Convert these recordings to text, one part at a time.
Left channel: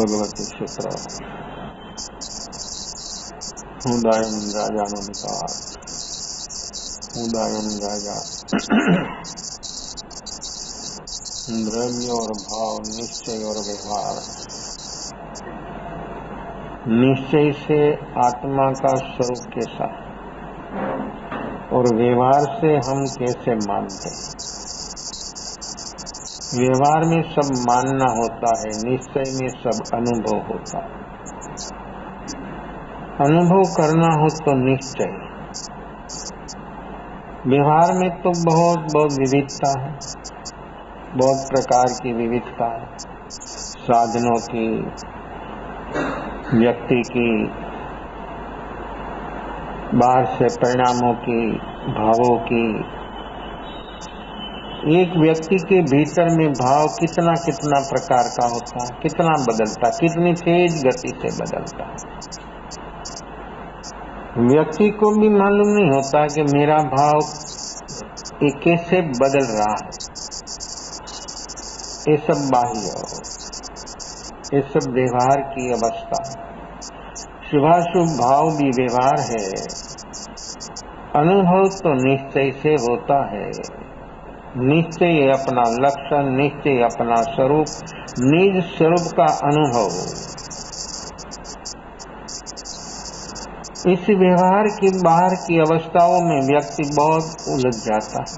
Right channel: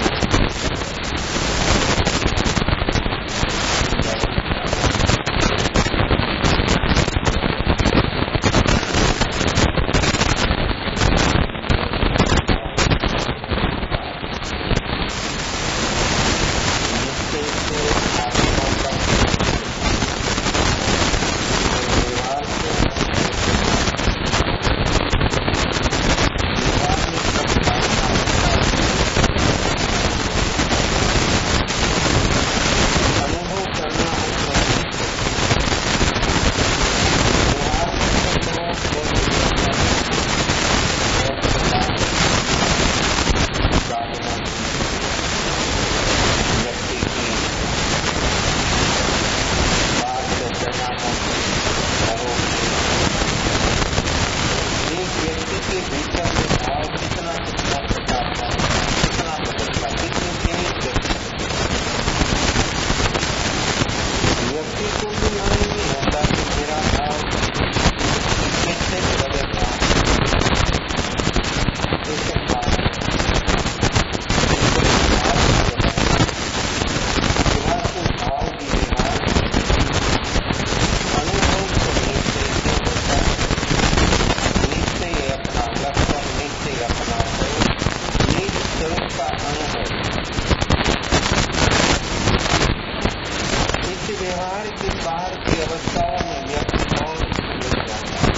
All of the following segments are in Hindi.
भगवती शुक्र उदायन राजा उदायन राजा निश्चय से आत्मा का स्वरूप होता है और व्यवहार से हम कैसे मानते। व्यवहार में सब मानना होता है, निश्चय में सब अनुभव होता है। अनुभव करना हो तो निश्चय। व्यवहार में तो बहुत विविधता, बहुत प्रकार की विविधता, साधनों की, व्यक्ति की, बाहर से परिणामों की, भावों की। एक व्यक्ति के भीतर में भाव कितना कितना प्रकार का होता है, कितना बदलता है, कितनी तेज गति से बदलता है। व्यक्ति को भी मालूम नहीं होता कि मेरा भाव ये कैसे बदल रहा है। ये सब बात है, ये सब व्यवहार की अवस्था है। व्यवहार शुभ भाव भी व्यवहार है। अनुभव तो निश्चय से होता है। निश्चय अपना लक्षण, निश्चय अपना स्वरूप, निज स्वरूप का अनुभव है। इस व्यवहार की बाहर की अवस्थाओं में व्यक्ति बहुत उलझ जाता है।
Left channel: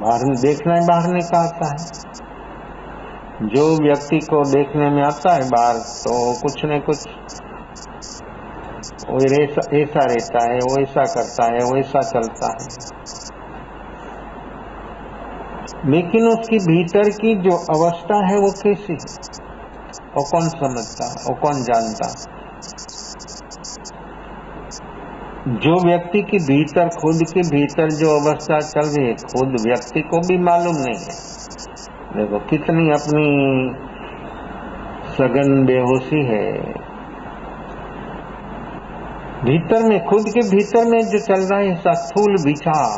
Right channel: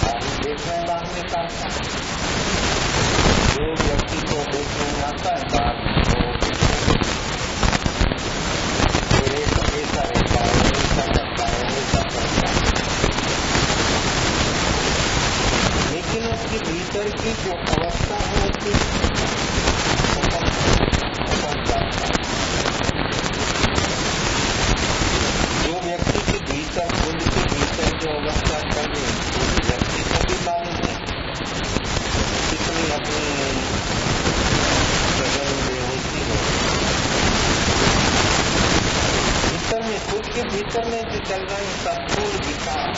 बाहर में देखना ही बाहर निकालता है। जो व्यक्ति को देखने में आता है बाहर, तो कुछ न कुछ ऐसा रहता है, वो ऐसा करता है, वो ऐसा चलता है। लेकिन उसकी भीतर की जो अवस्था है वो कैसी, वो कौन समझता है, वो कौन जानता है। जो व्यक्ति के भीतर, खुद के भीतर जो अवस्था चल रही है, खुद व्यक्ति को भी मालूम नहीं है। देखो कितनी अपनी सघन बेहोशी है। भीतर में, खुद के भीतर में जो चल रहा है ऐसा स्थूल विचार,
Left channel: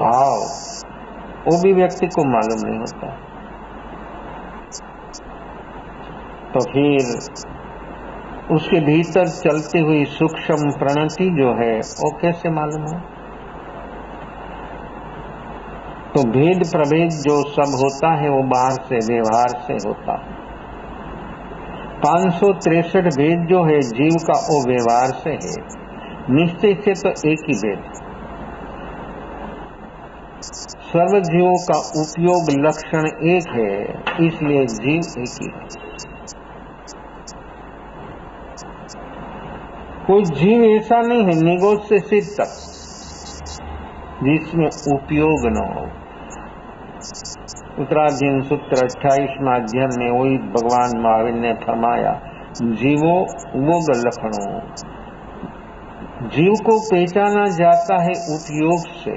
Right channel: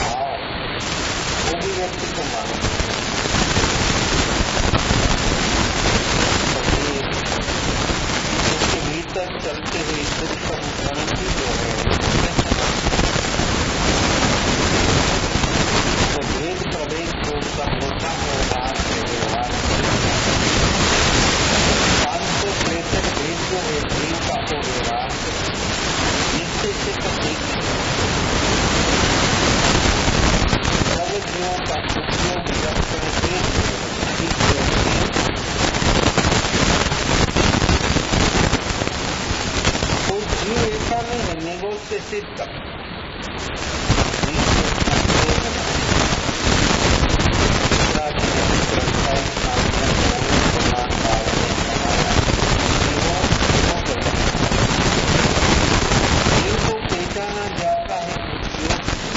भाव, वो भी व्यक्ति को मालूम नहीं होता। तो फिर उसके भीतर चलती हुई सूक्ष्म प्रणति जो है वो कैसे मालूम है। तो भेद प्रभेद जो सब होता है वो बाहर से, व्यवहार से होता है। 563 भेद जो है जीव का, वो व्यवहार से है। निश्चय से तो एक ही भेद। सर्व जीवों का उपयोग लक्षण एक है, इसलिए जीव एक ही है। कोई जीव ऐसा नहीं है निगोज से सिद्ध तक जिसमें उपयोग न हो। उत्तराधीन सूत्र 28 अध्ययन में वही भगवान महावीर ने फरमाया, जीवो वो लक्षण है। जीव को पहचाना जाता है उपयोग से।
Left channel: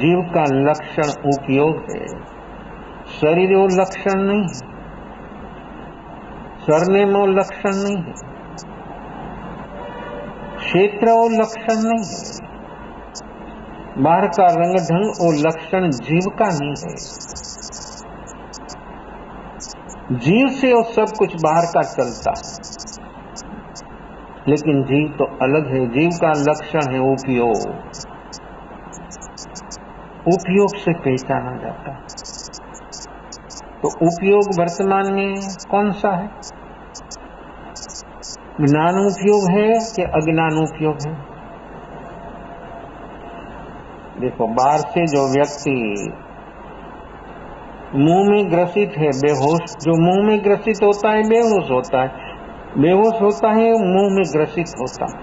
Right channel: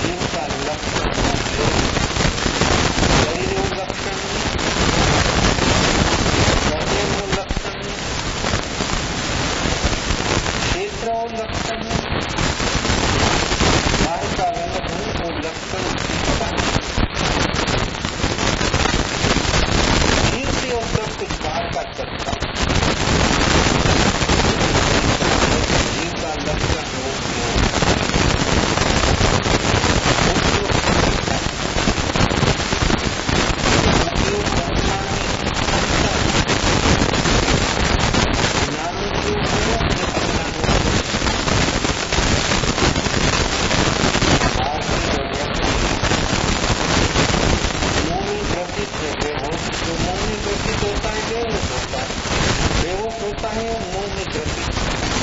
जीव का लक्षण उपयोग है। शरीर वो लक्षण नहीं, करने में वो लक्षण नहीं, क्षेत्र वो लक्षण नहीं, बाहर का रंग ढंग वो लक्षण जीव का नहीं है। जीव से वो सब कुछ बाहर का चलता, लेकिन जीव तो अलग है। जीव का लक्षण है उपयोग। उपयोग से पहचाना जाता है। तो उपयोग वर्तमान में कौन सा है? ज्ञान उपयोग है कि अज्ञान उपयोग है? देखो बाहर से जो व्यक्ति मुंह में ग्रसित है, बेहोश, जो मुंह में ग्रसित होता है बेहोश होता है, बेहोश होता है वो मुंह में ग्रसित होता है।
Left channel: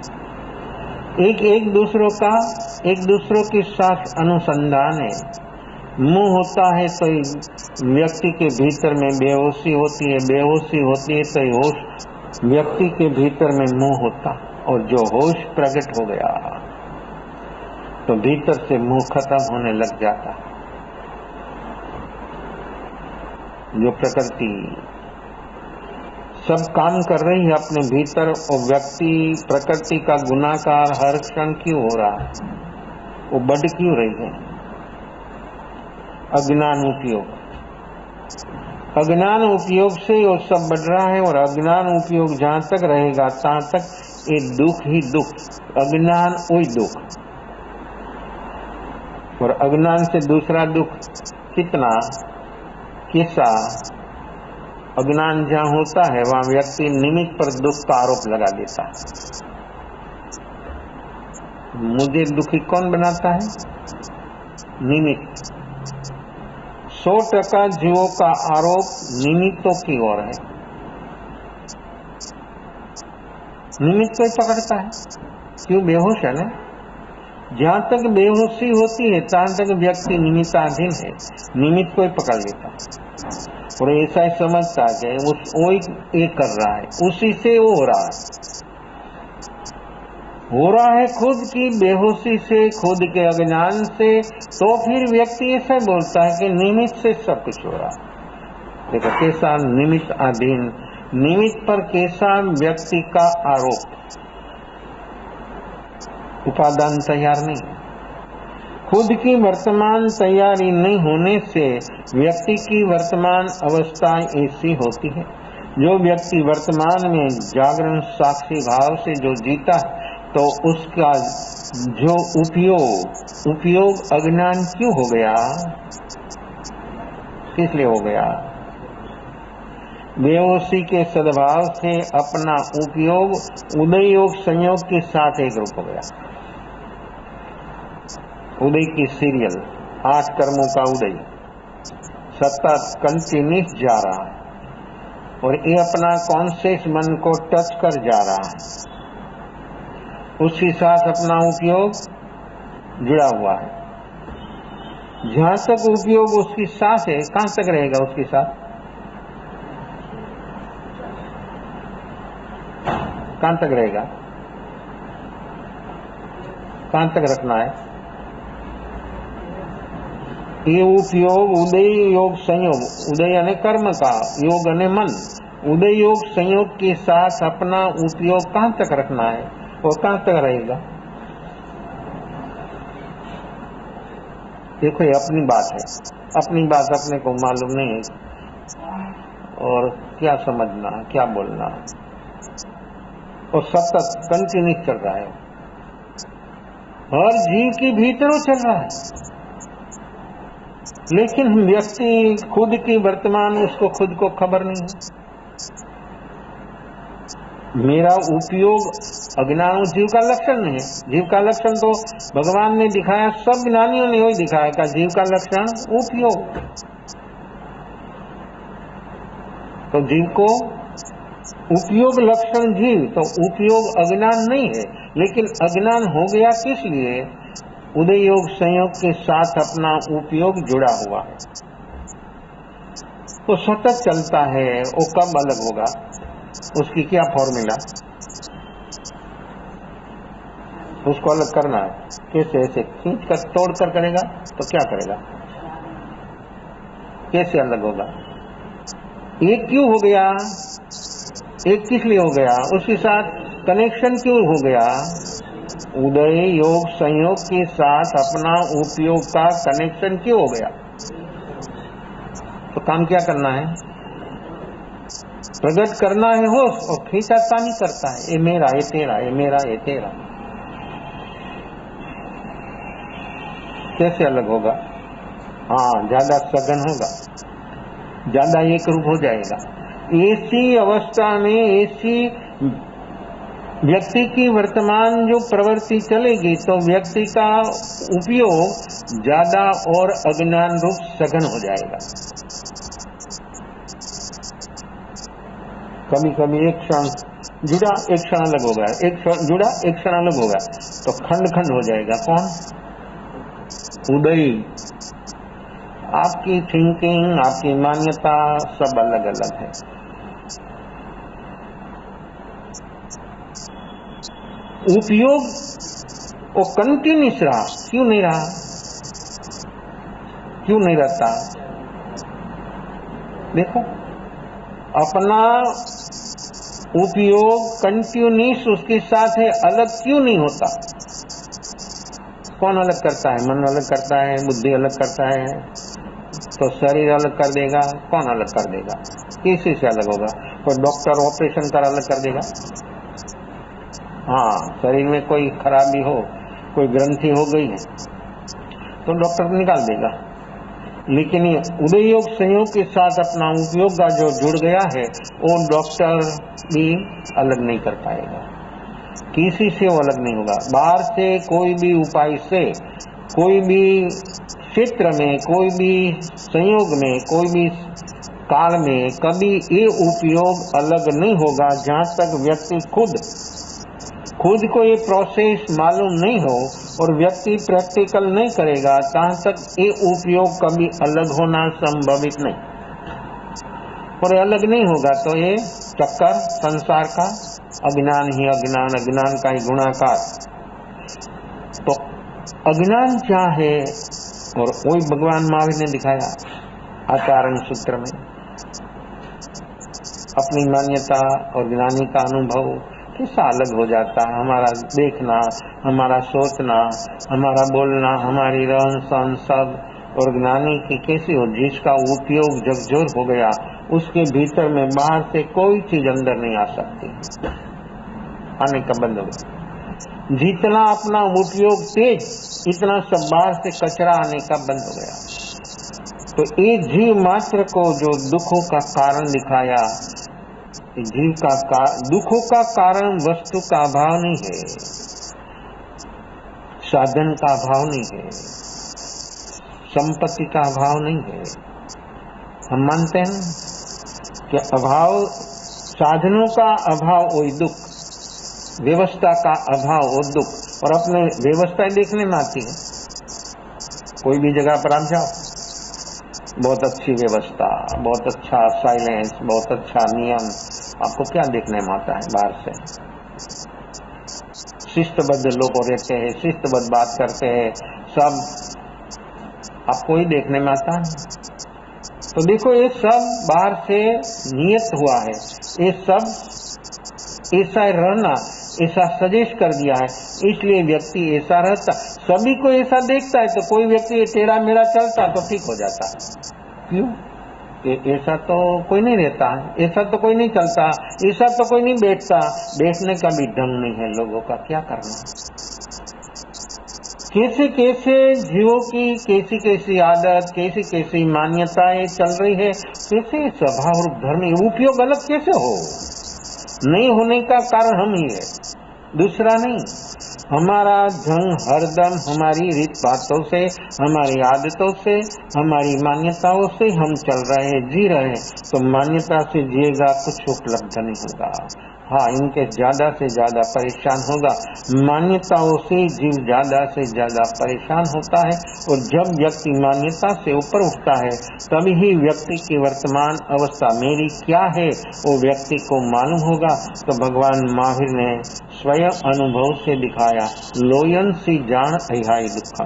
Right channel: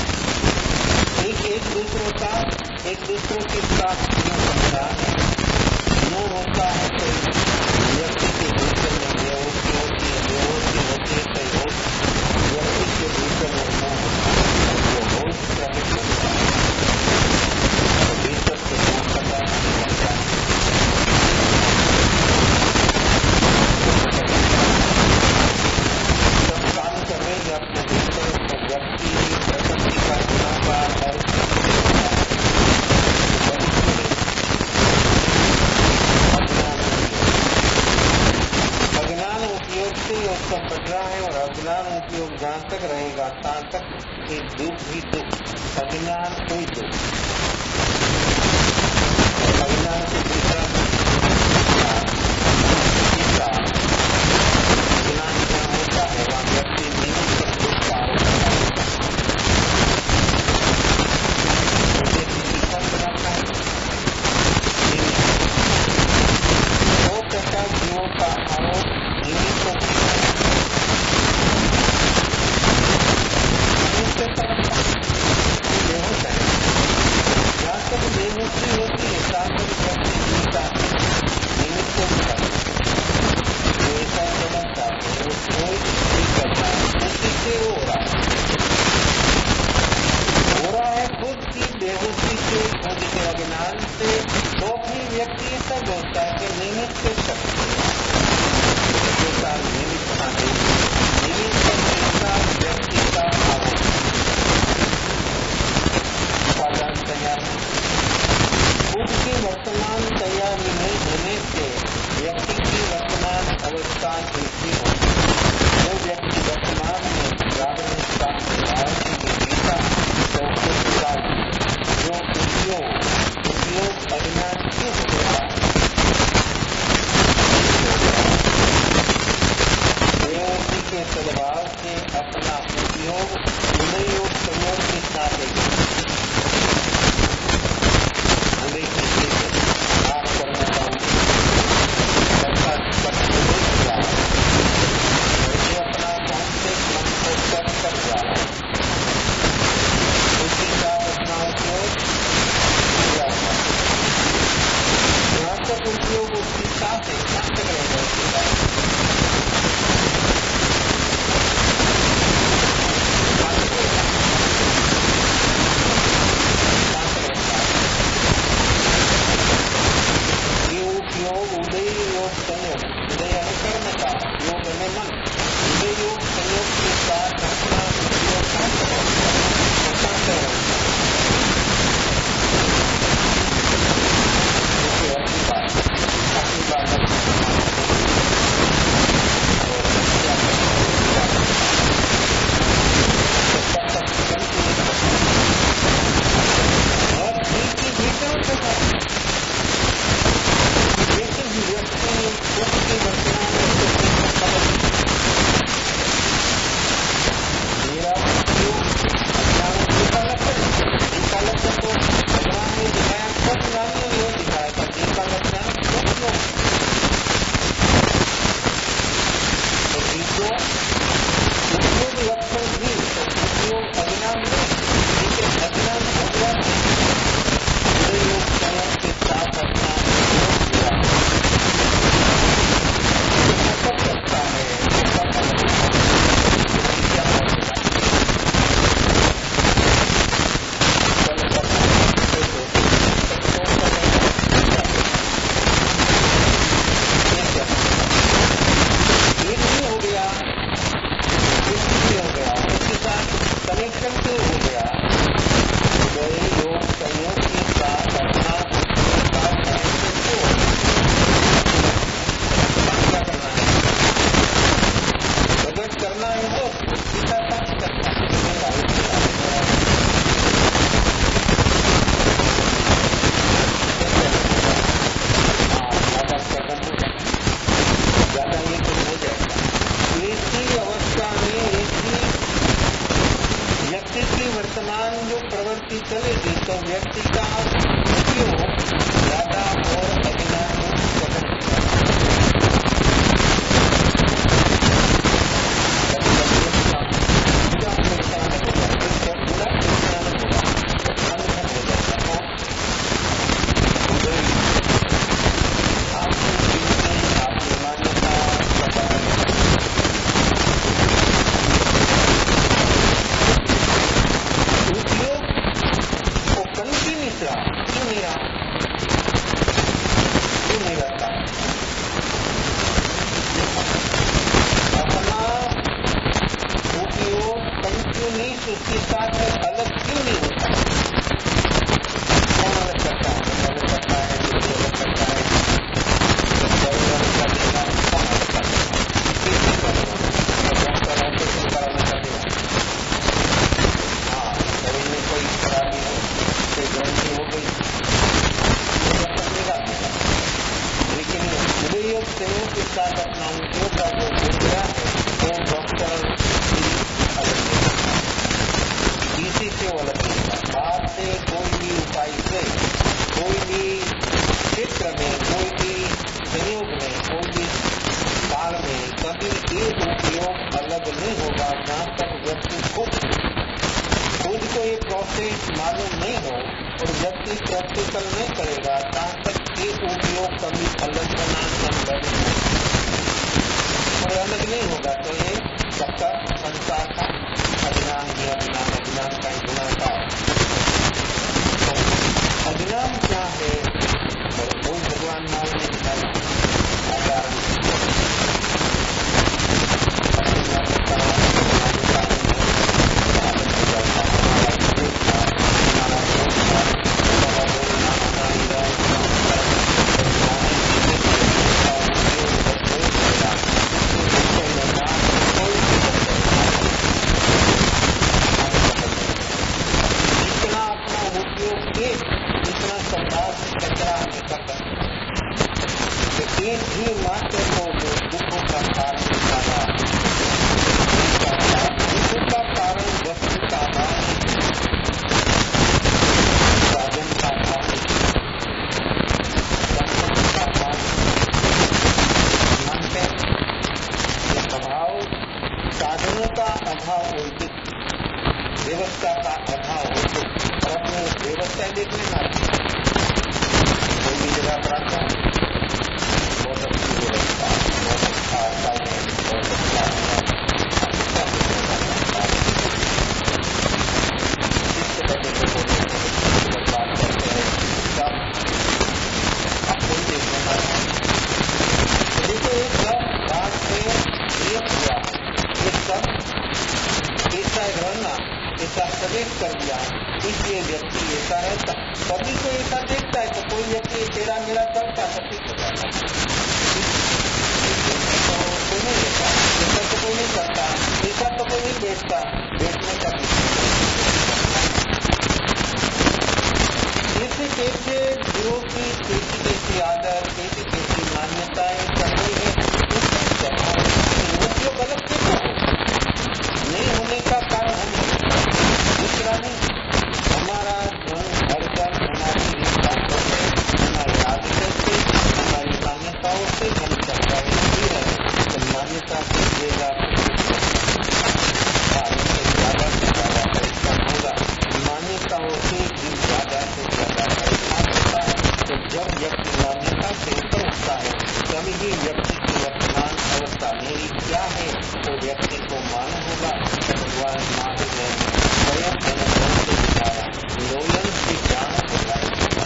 एक दूसरों के साथ अनुसंधान है। मुंह होता है तो व्यक्ति के भीतर में बेहोशी होती है, बेहोशी होती है तो होश व्यक्ति के भीतर में मुंह होता है। और जो होश प्रकट हो गया तो भीतर से मुंह खत्म होने लग जाता है। ये प्रकृति सब काम कर रही है अपने भीतर, और व्यक्ति प्रकृति का गुनाहगार हर क्षण क्यों हो रहा है? वो बढ़ क्यों रही है? अज्ञान उपयोग। अज्ञान उपयोग से वो सब बढ़ रहा है, और अज्ञान उपयोग जहां तक रहेगा तहां तक ये दुख ही दुख, अज्ञान वही दुख, और अज्ञान से दूसरा दुख कितना, इसका अज्ञान जहां होता है वहां व्यक्ति निमित्त पर दुख का आरोप लगा देता है। मुझे दुखी कौन बनाता है? निमित्त। 100% जीवों का आरोप निमित्तों की ओर है, निमित्त को पकड़ता है। ये बेहोश है ना, जहां तक बेहोशी होती है तहां तक व्यक्ति निमित्ताधीन है, निमित्त को पकड़ लेता है और ऐसा ही समझता है वो ही कर रहा है, उसी से वो हो रहा है खुद की बेहोशी से, खुद के अज्ञान से। तो फिर व्यक्ति ऐसा बोलता है कि निमित्त से सब कुछ हो रहा है। देखो कैसा निमित्त अधीन, निमित्त पर कैसा व्यक्ति का आरोप, उपादान तैयार नहीं, खुद की वर्तमान तैयारी नहीं होने से व्यक्ति की वर्तमान अवस्था ऐसी होती है। जो व्यक्ति वर्तमान में जागरण साक्षी भाव से जो जीता तो उसका जो उपयोग अज्ञान क्यों हो गया, इसलिए हो गया बेहोशी के सद्भाव से अपना उपयोग उदय योग संयोग के साथ एक हो गया। उदय की सीरियल 8 कर्मों का उदय सत्ता कंटिन्यूस जा रहा है और ये अपना कॉन्शियस मन को टच कर जा रहा है, उसके साथ अपना उपयोग जुड़ा हुआ है। जहां तक उपयोग उसकी साथ है, कहां तक रहेगा उसके साथ? कहां तक रहेगा, कहां तक रखना है? ये उपयोग उदय योग संयोग, उदय यानी कर्म का, योग यानी मन, उदय योग संयोग के साथ अपना उपयोग कहां तक रखना है और कहां तक रहेगा? देखो अपनी बात है, अपनी बात अपने को मालूम नहीं है और क्या समझना क्या बोलना है, तो सतत कंटिन्यूस करता है। हर जीव के भीतर चल रहा है, लेकिन व्यक्ति खुद की वर्तमान में उसको खुद को खबर नहीं। मेरा उपयोग अज्ञान जीव का लक्षण नहीं है। जीव का लक्षण तो भगवान ने दिखाया, सब ज्ञानियों ने वही दिखाया था। जीव का लक्षण उपयोग, तो जीव को उपयोग लक्षण जीव, तो उपयोग अज्ञान नहीं है, लेकिन अज्ञान हो गया किस लिए? उदय योग संयोग के साथ अपना उपयोग जुड़ा हुआ, तो सतत चलता है। वो कब अलग होगा, उसकी क्या फॉर्मूला, उसको अलग करना है। कैसे ऐसे तक तोड़ कर करेगा तो क्या करेगा, कैसे अलग होगा? एक क्यों हो गया, एक किस लिए हो गया, उसके साथ कनेक्शन क्यों हो गया? उदय योग संयोग के साथ अपना उपयोग का कनेक्शन क्यों हो गया? तो काम क्या करना है? प्रकट करना है हो तो ठीक है, काम ही करता है। ये मेरा, ये तेरा, ये मेरा, ये तेरा, कैसे अलग होगा? हाँ, ज्यादा सघन होगा, ज्यादा एक रूप हो जाएगा। ऐसी अवस्था में ऐसी व्यक्ति की वर्तमान जो प्रवृत्ति चलेगी तो व्यक्ति का उपयोग ज्यादा और अज्ञान रूप सघन हो जाएगा। कभी कभी एक क्षण जुड़ा, एक क्षण अलग होगा, एक क्षण जुड़ा, एक क्षण अलग होगा, तो खंड खंड हो जाएगा। कौन? उदय। आपकी थिंकिंग, आपकी मान्यता सब अलग अलग। उपयोग वो कंटिन्यूस रहा, क्यों नहीं रहा, क्यों नहीं रहता? देखो अपना उपयोग कंटिन्यूस उसके साथ है, अलग क्यों नहीं होता? कौन अलग करता है? मन अलग करता है, बुद्धि अलग करता है, तो तो शरीर अलग कर देगा, कौन अलग कर देगा? किसी से अलग होगा? तो डॉक्टर ऑपरेशन कर अलग कर देगा? हाँ, शरीर में कोई खराबी हो, कोई ग्रंथि हो गई हो तो डॉक्टर निकाल देगा। लेकिन ये उदय योग संयोग के साथ अपना उपयोग का जो जुड़ गया है वो डॉक्टर भी अलग नहीं कर पाएगा, किसी से वो अलग नहीं होगा। बाहर से कोई भी उपाय से, कोई भी क्षेत्र में, कोई भी संयोग में, कोई भी काल में कभी ये उपयोग अलग नहीं होगा जहां तक व्यक्ति खुद को ये प्रोसेस मालूम नहीं हो और व्यक्ति प्रैक्टिकल नहीं करेगा, तहां तक ये उपयोग कभी अलग होना संभवित नहीं। और अलग नहीं होगा तो ये चक्कर संसार का, अज्ञान ही अज्ञान, अज्ञान का ही गुणाकार। तो अज्ञान क्या है? और वही भगवान महावीर ने दिखाया आचरण सूत्र में। अपनी मान्यता और ज्ञानी का अनुभव कितना अलग हो जाता है। हमारा देखना, हमारा सोचना, हमारा बोलना, हमारी रहन सहन सब और ज्ञानी की कैसी हो, जिसका उपयोग जब जोर हो गया उसके भीतर में बाहर से कोई चीज अंदर नहीं आता, आने का बंद नहीं। जितना अपना उपयोग तेज, इतना सब बाहर से कचरा आने का बंद हो गया। तो एक जीव मात्र को जो दुखों का कारण दिखाया, दुखों का कारण वस्तु का अभाव नहीं है, साधन का अभाव नहीं है, संपत्ति का अभाव नहीं है। हम मानते हैं कि अभाव, साधनों का अभाव वही दुख, व्यवस्था का अभाव और दुख। और अपने व्यवस्था देखने में आती है। कोई भी जगह पर आप जाओ, बहुत अच्छी व्यवस्था, बहुत अच्छा साइलेंस, बहुत अच्छा नियम, आपको क्या देखने में आता है? बाहर से शिस्तबद्ध लोग रहते हैं, शिस्तबद्ध बात करते हैं, सब आपको ही देखने में आता है। तो देखो ये सब बाहर से नियत हुआ है, ये सब ऐसा रहना, ऐसा सजेस्ट कर दिया है, इसलिए व्यक्ति ऐसा रहता। सभी को ऐसा देखता है तो कोई व्यक्ति टेढ़ा मेढ़ा चलता तो ठीक हो जाता है। ऐसा तो कोई नहीं रहता, ऐसा तो कोई नहीं चलता, ऐसा तो कोई नहीं बैठता। बैठने का भी ढंग नहीं है लोगों का, क्या करना। कैसे कैसे जीवों की कैसी कैसी आदत, कैसी कैसी मान्यताएं चल रही है, कैसे स्वभाव और धर्म उपयोग अलग कैसे हो? नहीं होने का कारण हम ही है, दूसरा नहीं। हमारा ढंग हरदम हमारी रीत बातों से, हमारी आदतों से, हमारी मान्यताओं से हम चल रहे हैं, जी रहे हैं। तो मान्यता से जिएगा तो सुख लक्षण होगा। हाँ, इनके ज्यादा से ज्यादा परेशान होगा। मान्यताओं से जीव ज्यादा से ज्यादा परेशान होता है। और जब व्यक्ति मान्यता से ऊपर उठता है तभी ही व्यक्ति की वर्तमान अवस्था मेरी क्या है वो व्यक्ति को मालूम होगा। तो भगवान महावीर ने स्वयं अनुभव से दिखाया, लोयन से जान अहियाई दिखा।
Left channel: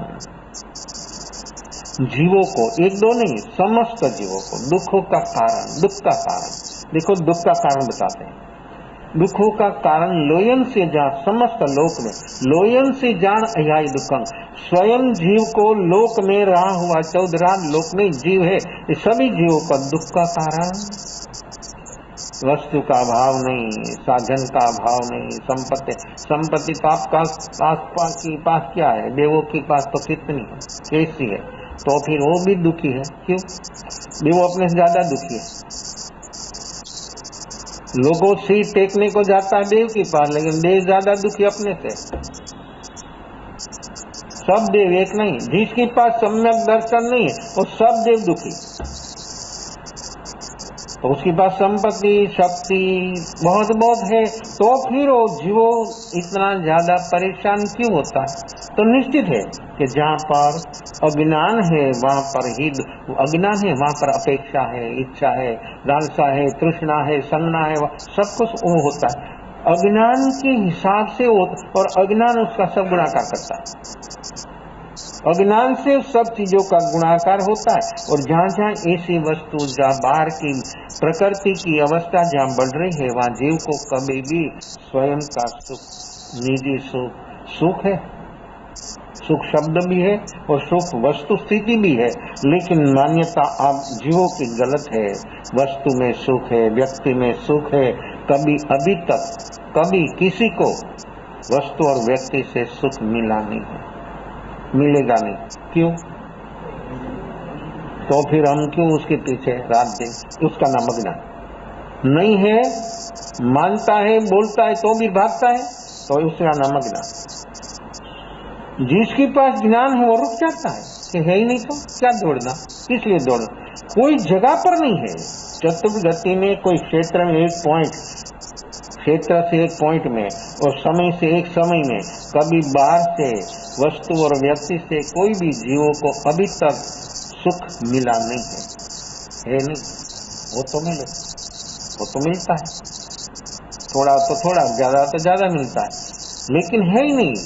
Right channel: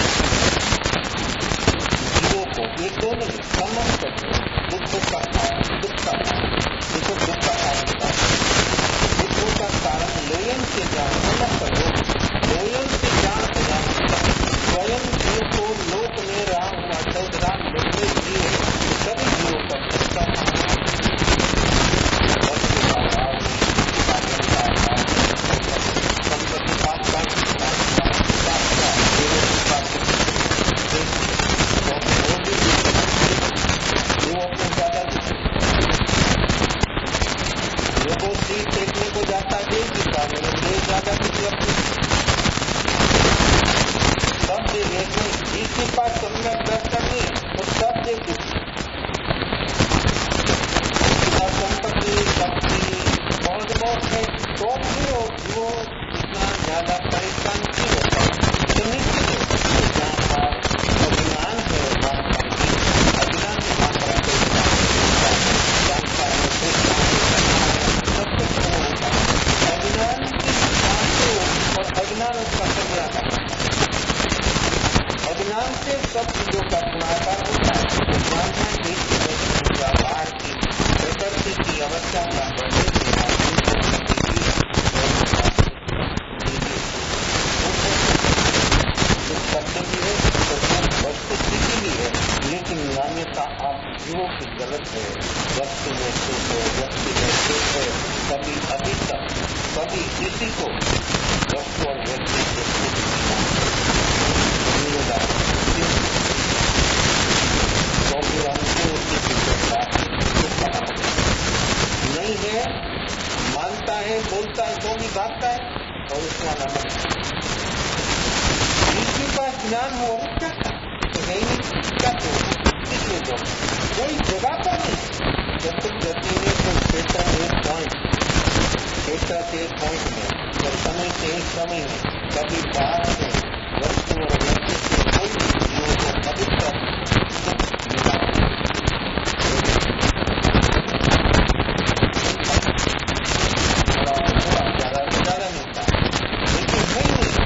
जीवों को, एक दो नहीं, समस्त जीवों को दुखों का कारण, दुख का कारण, देखो दुख का कारण बताते, दुखों का कारण लोयन से जान, समस्त लोक में लोयन से जान अहियाई दुखम। स्वयं जीव को लोक में रहा हुआ 14 लोक में जीव है, ये सभी जीवों पर दुख का कारण। वस्तु का अभाव नहीं, साधन का अभाव नहीं, संपत्ति पाप का पास के पास क्या है? देवों के पास तो कितनी कैसी है, तो फिर वो भी दुखी है, देवो अपने से ज्यादा दुखी है। लोगों से टेकने को जाता है देव के पास, लेकिन देव ज्यादा दुखी अपने से। सब देव एक नहीं, जिसके पास सम्यक दर्शन नहीं है वो सब देव दुखी। उसके पास संपत्ति शक्ति बहुत बहुत है तो फिर वो जीवो इतना ज्यादा परेशान क्यों होता? तो निश्चित है कि जहाँ पर अज्ञान है वहाँ पर ही अज्ञान है, वहाँ पर अपेक्षा है, इच्छा है, लालसा है, तृष्णा है, सन्ना है, सब कुछ वो होता है अज्ञान के हिसाब से। और अज्ञान उसका सब गुणाकार करता है, अज्ञान से सब चीजों का गुणाकार होता है। और जहाँ जहाँ ऐसी वस्तु, जहाँ बाहर की प्रकृति की अवस्था जहाँ बढ़ रही है वहाँ जीव को कभी भी स्वयं का सुख, निजी सुख है, सुख शब्द भी है और सुख वस्तु स्थिति भी है, लेकिन मान्यता आप जीवों की गलत है। वस्तु में सुख है, व्यक्ति में सुख है। कभी अभी तक कभी किसी को वस्तु और व्यक्ति से सुख मिला नहीं, मिलेगा नहीं। क्यों? तो फिर हम क्यों उसके पीछे रात दिन उसका नमक नहीं है, मानता है, बोलता है तो भी भागता है, तो उसका नमक नहीं। जिसके पास ज्ञान हो वो रुक जाता है, है ही नहीं तो क्या दौड़ना, किस लिए दौड़ना? कोई जगह पर नहीं है। चतुर्थ गति में कोई क्षेत्र में एक पॉइंट, क्षेत्र से एक पॉइंट में और समय से एक समय में कभी बाहर से वस्तु और व्यक्ति से कोई भी जीवों को अभी तक सुख मिला नहीं। वो तो नहीं, वो तो मिलता है, थोड़ा तो थोड़ा, ज्यादा तो ज्यादा मिलता है, लेकिन है ही नहीं।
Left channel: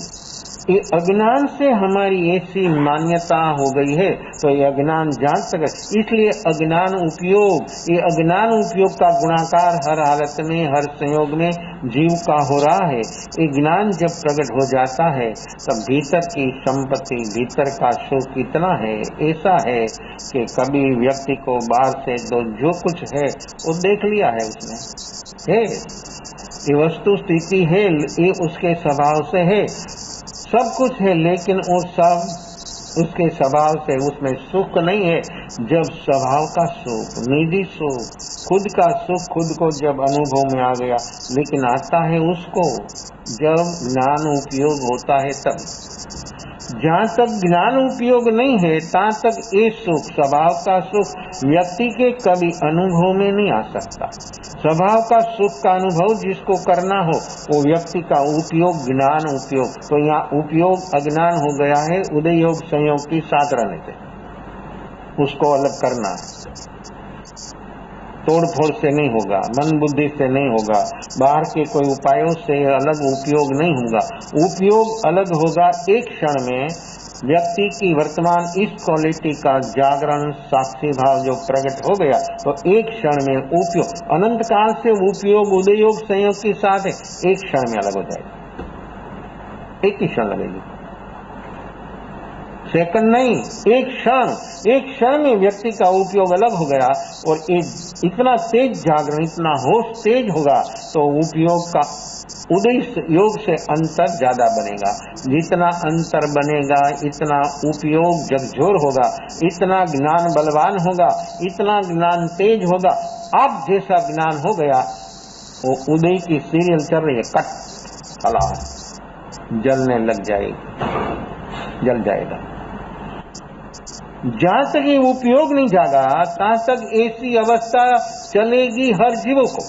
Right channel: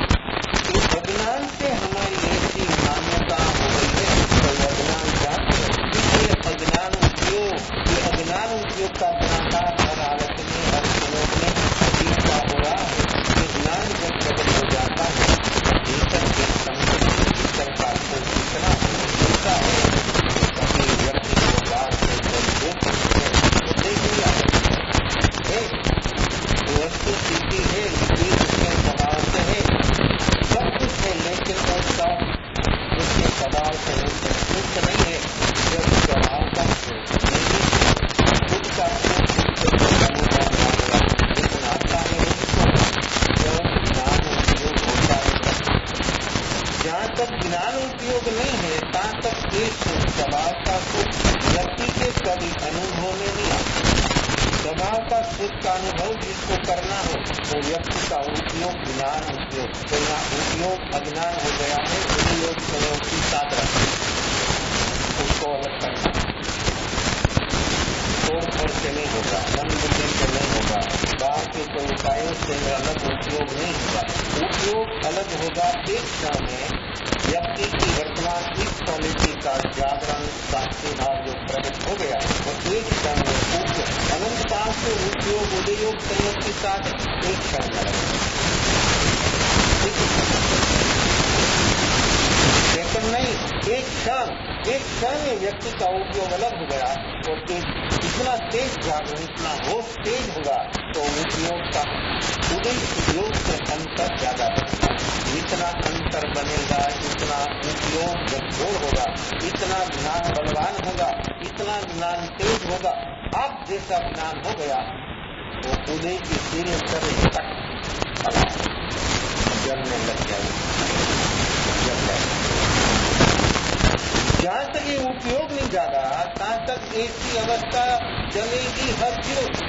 ये अज्ञान से हमारी ऐसी मान्यता हो गई है, तो ये अज्ञान जान सके। इसलिए अज्ञान उपयोग, ये अज्ञान उपयोग का गुणाकार हर हालत में, हर संयोग में जीव का हो रहा है। ये ज्ञान जब प्रकट हो जाता है तब भीतर की संपत्ति, भीतर का सुख कितना है, ऐसा है कि कभी व्यक्ति को बाहर से तो जो कुछ है वो देख लिया है। ये वस्तु स्थिति है, ये उसके स्वभाव से है, सब कुछ है, लेकिन वो सब उसके स्वभाव से, उसमें सुख नहीं है। जब स्वभाव का सुख, निजी सुख, खुद का सुख खुद को जब अनुभव में आ गया, लेकिन आता है उसको जब ज्ञान उपयोग होता है तब। जहाँ तक ज्ञान उपयोग नहीं है तहाँ तक ये सुख, स्वभाव का सुख व्यक्ति के कभी अनुभव में नहीं आ सकता। स्वभाव का सुख का अनुभव जिसको करना हो वो व्यक्ति का उपयोग, ज्ञान उपयोग। तो यहाँ उपयोग अज्ञान हो गया है, उदय योग संयोग की साधारण, उसको अलग करना तोड़ फोड़ से नहीं होगा, मन बुद्धि से नहीं होगा, बाहर के कोई उपायों से अलग उपयोग नहीं होगा। उपयोग अलग होगा एक क्षण में व्यक्ति की वर्तमान इस क्वालिटी का जागरण, साक्षी भाव जो प्रकट हो गया, तो एक क्षण में उपयोग, अनंत काल से उपयोग उदय योग संयोग के साथ है, एक क्षण में अलग होता है, एक ही क्षण में, सेकंड नहीं, एक क्षण में व्यक्ति का उपयोग अलग हो गया। और इतना तेज जागरण, इतना होश तेज होगा तो उपयोग का उदय योग से अंतर ज्यादा बनेगा। जितना अंतर बनेगा इतना उपयोग झकझोर होगा, इतना ज्ञान बलवान होगा, इतना ज्ञान तेज होगा। अब जैसा ज्ञान हो गया वो उदय की सीरियल कर रही है, कट फला जलने लग जाएगी, जल जाएगा। जहां तक ये उपयोग नहीं जागा तहां तक ऐसी अवस्था चलेगी हर जीव को,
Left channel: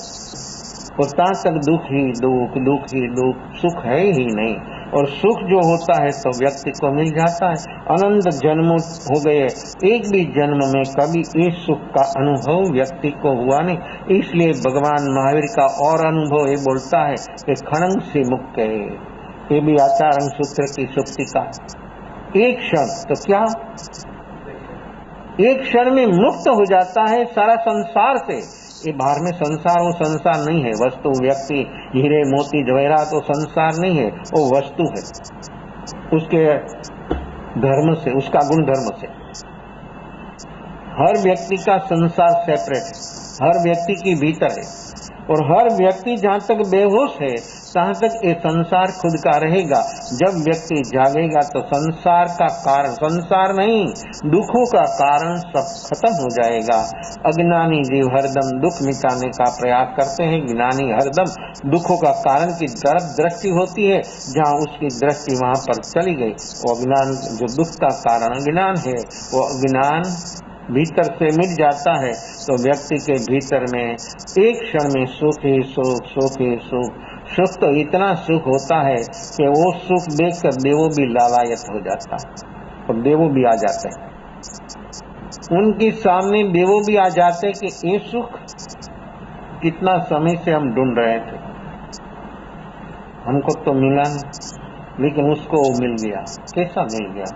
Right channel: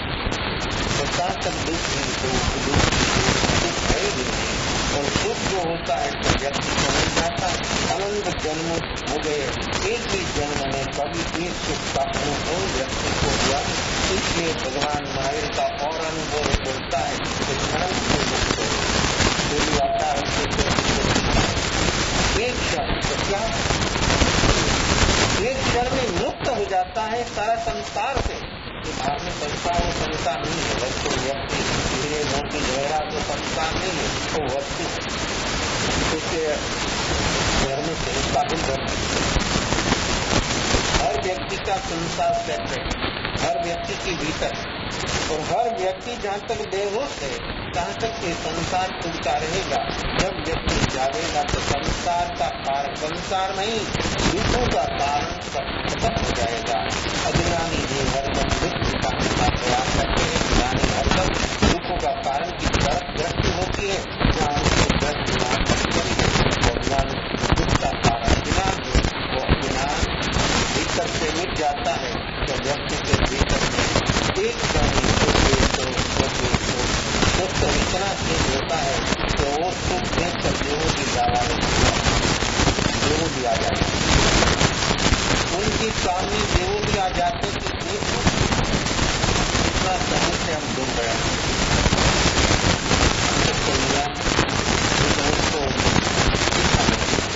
तो तहां तक दुख ही दुख, दुख ही दुख, सुख है ही नहीं। और सुख जो होता है तो व्यक्ति को मिल जाता है। अनंत जन्म हो गए, एक भी जन्म में कभी इस सुख का अनुभव व्यक्ति को हुआ नहीं। इसलिए भगवान महावीर का और अनुभव ये बोलता है कि क्षण से मुक्त है, ये भी आचारण सूत्र की शक्ति का एक क्षण, तो क्या एक क्षण में मुक्त हो जाता है सारा संसार से। ये बाहर में संसार, वो संसार नहीं है। वस्तु, व्यक्ति, हीरे मोती जवाहरात वो संसार नहीं है, वो वस्तु है, उसके धर्म से, उसका गुण धर्म से। हर व्यक्ति का संसार सेपरेट, हर व्यक्ति के भीतर है। और हर व्यक्ति जहां तक बेहोश है तहां तक ये संसार खुद का रहेगा। जब व्यक्ति जागेगा तो संसार का कारण, संसार नहीं, दुखों का कारण सब खत्म हो जाएगा। अज्ञानी जीव हरदम दुख मिटाने का प्रयास करते हैं, ज्ञानी हरदम दुखों का कारण की तरफ दृष्टि होती है, जहाँ उसकी दृष्टि वहां पर चली गई। वो अज्ञान, जो दुख का कारण अज्ञान है, वो अज्ञान भीतर से मिट जाता है। तो व्यक्ति के भीतर में एक क्षण में सुख ही सुख, सुख ही सुख, सुख तो इतना सुख होता है कि वो सुख देखकर देवों भी लालायत हो जाता है। तो देवों भी आ जाते हैं, उनके सामने देवों भी आ जाते कि ये सुख कितना समय से हम ढूंढ रहे हैं, हमको तो मिला नहीं, लेकिन उसको मिल गया। कैसा मिल गया,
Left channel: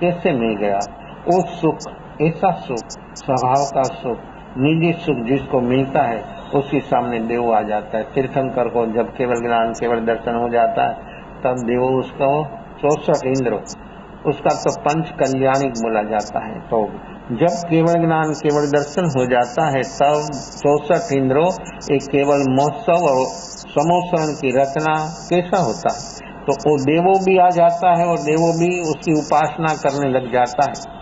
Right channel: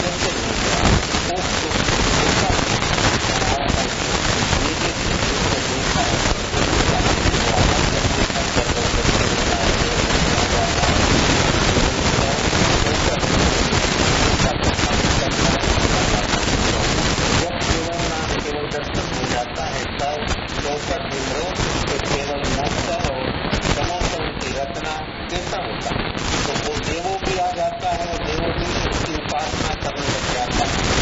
कैसे मिल गया? वो सुख, ऐसा सुख, स्वभाव का सुख, निजी सुख जिसको मिलता है उसके सामने देव आ जाता है। तीर्थंकर को जब केवल ज्ञान, केवल दर्शन हो जाता है तब देव उत्सव, तो इंद्र उसका तो पंच कल्याणिक बोला जाता है। तो जब केवल ज्ञान केवल दर्शन हो जाता है तब 64 इंद्रों एक केवल महोत्सव और समोत्सवन की रचना कैसा होता है। तो वो देवों भी आ जाता है और देवों भी उसकी उपासना करने लग जाता है।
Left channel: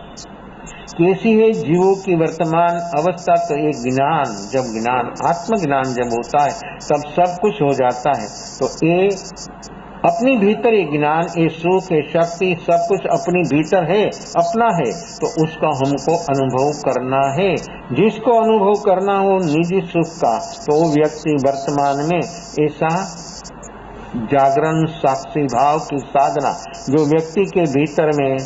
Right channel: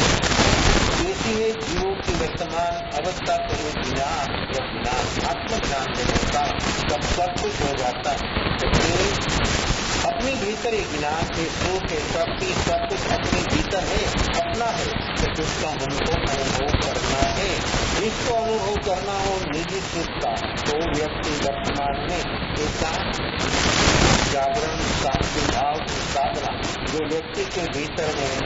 कैसी है जीवों की वर्तमान अवस्था। तो ये ज्ञान, जब ज्ञान आत्मज्ञान जब होता है तब सब कुछ हो जाता है। तो ये अपनी भीतर ये ज्ञान, ये सुख, ये शक्ति सब कुछ अपनी भीतर है, अपना है। तो उसका हमको अनुभव करना है। जिसको अनुभव करना हो निजी सुख का, तो वो व्यक्ति वर्तमान में ऐसा जागरण साक्षी भाव की साधना जो व्यक्ति के भीतर में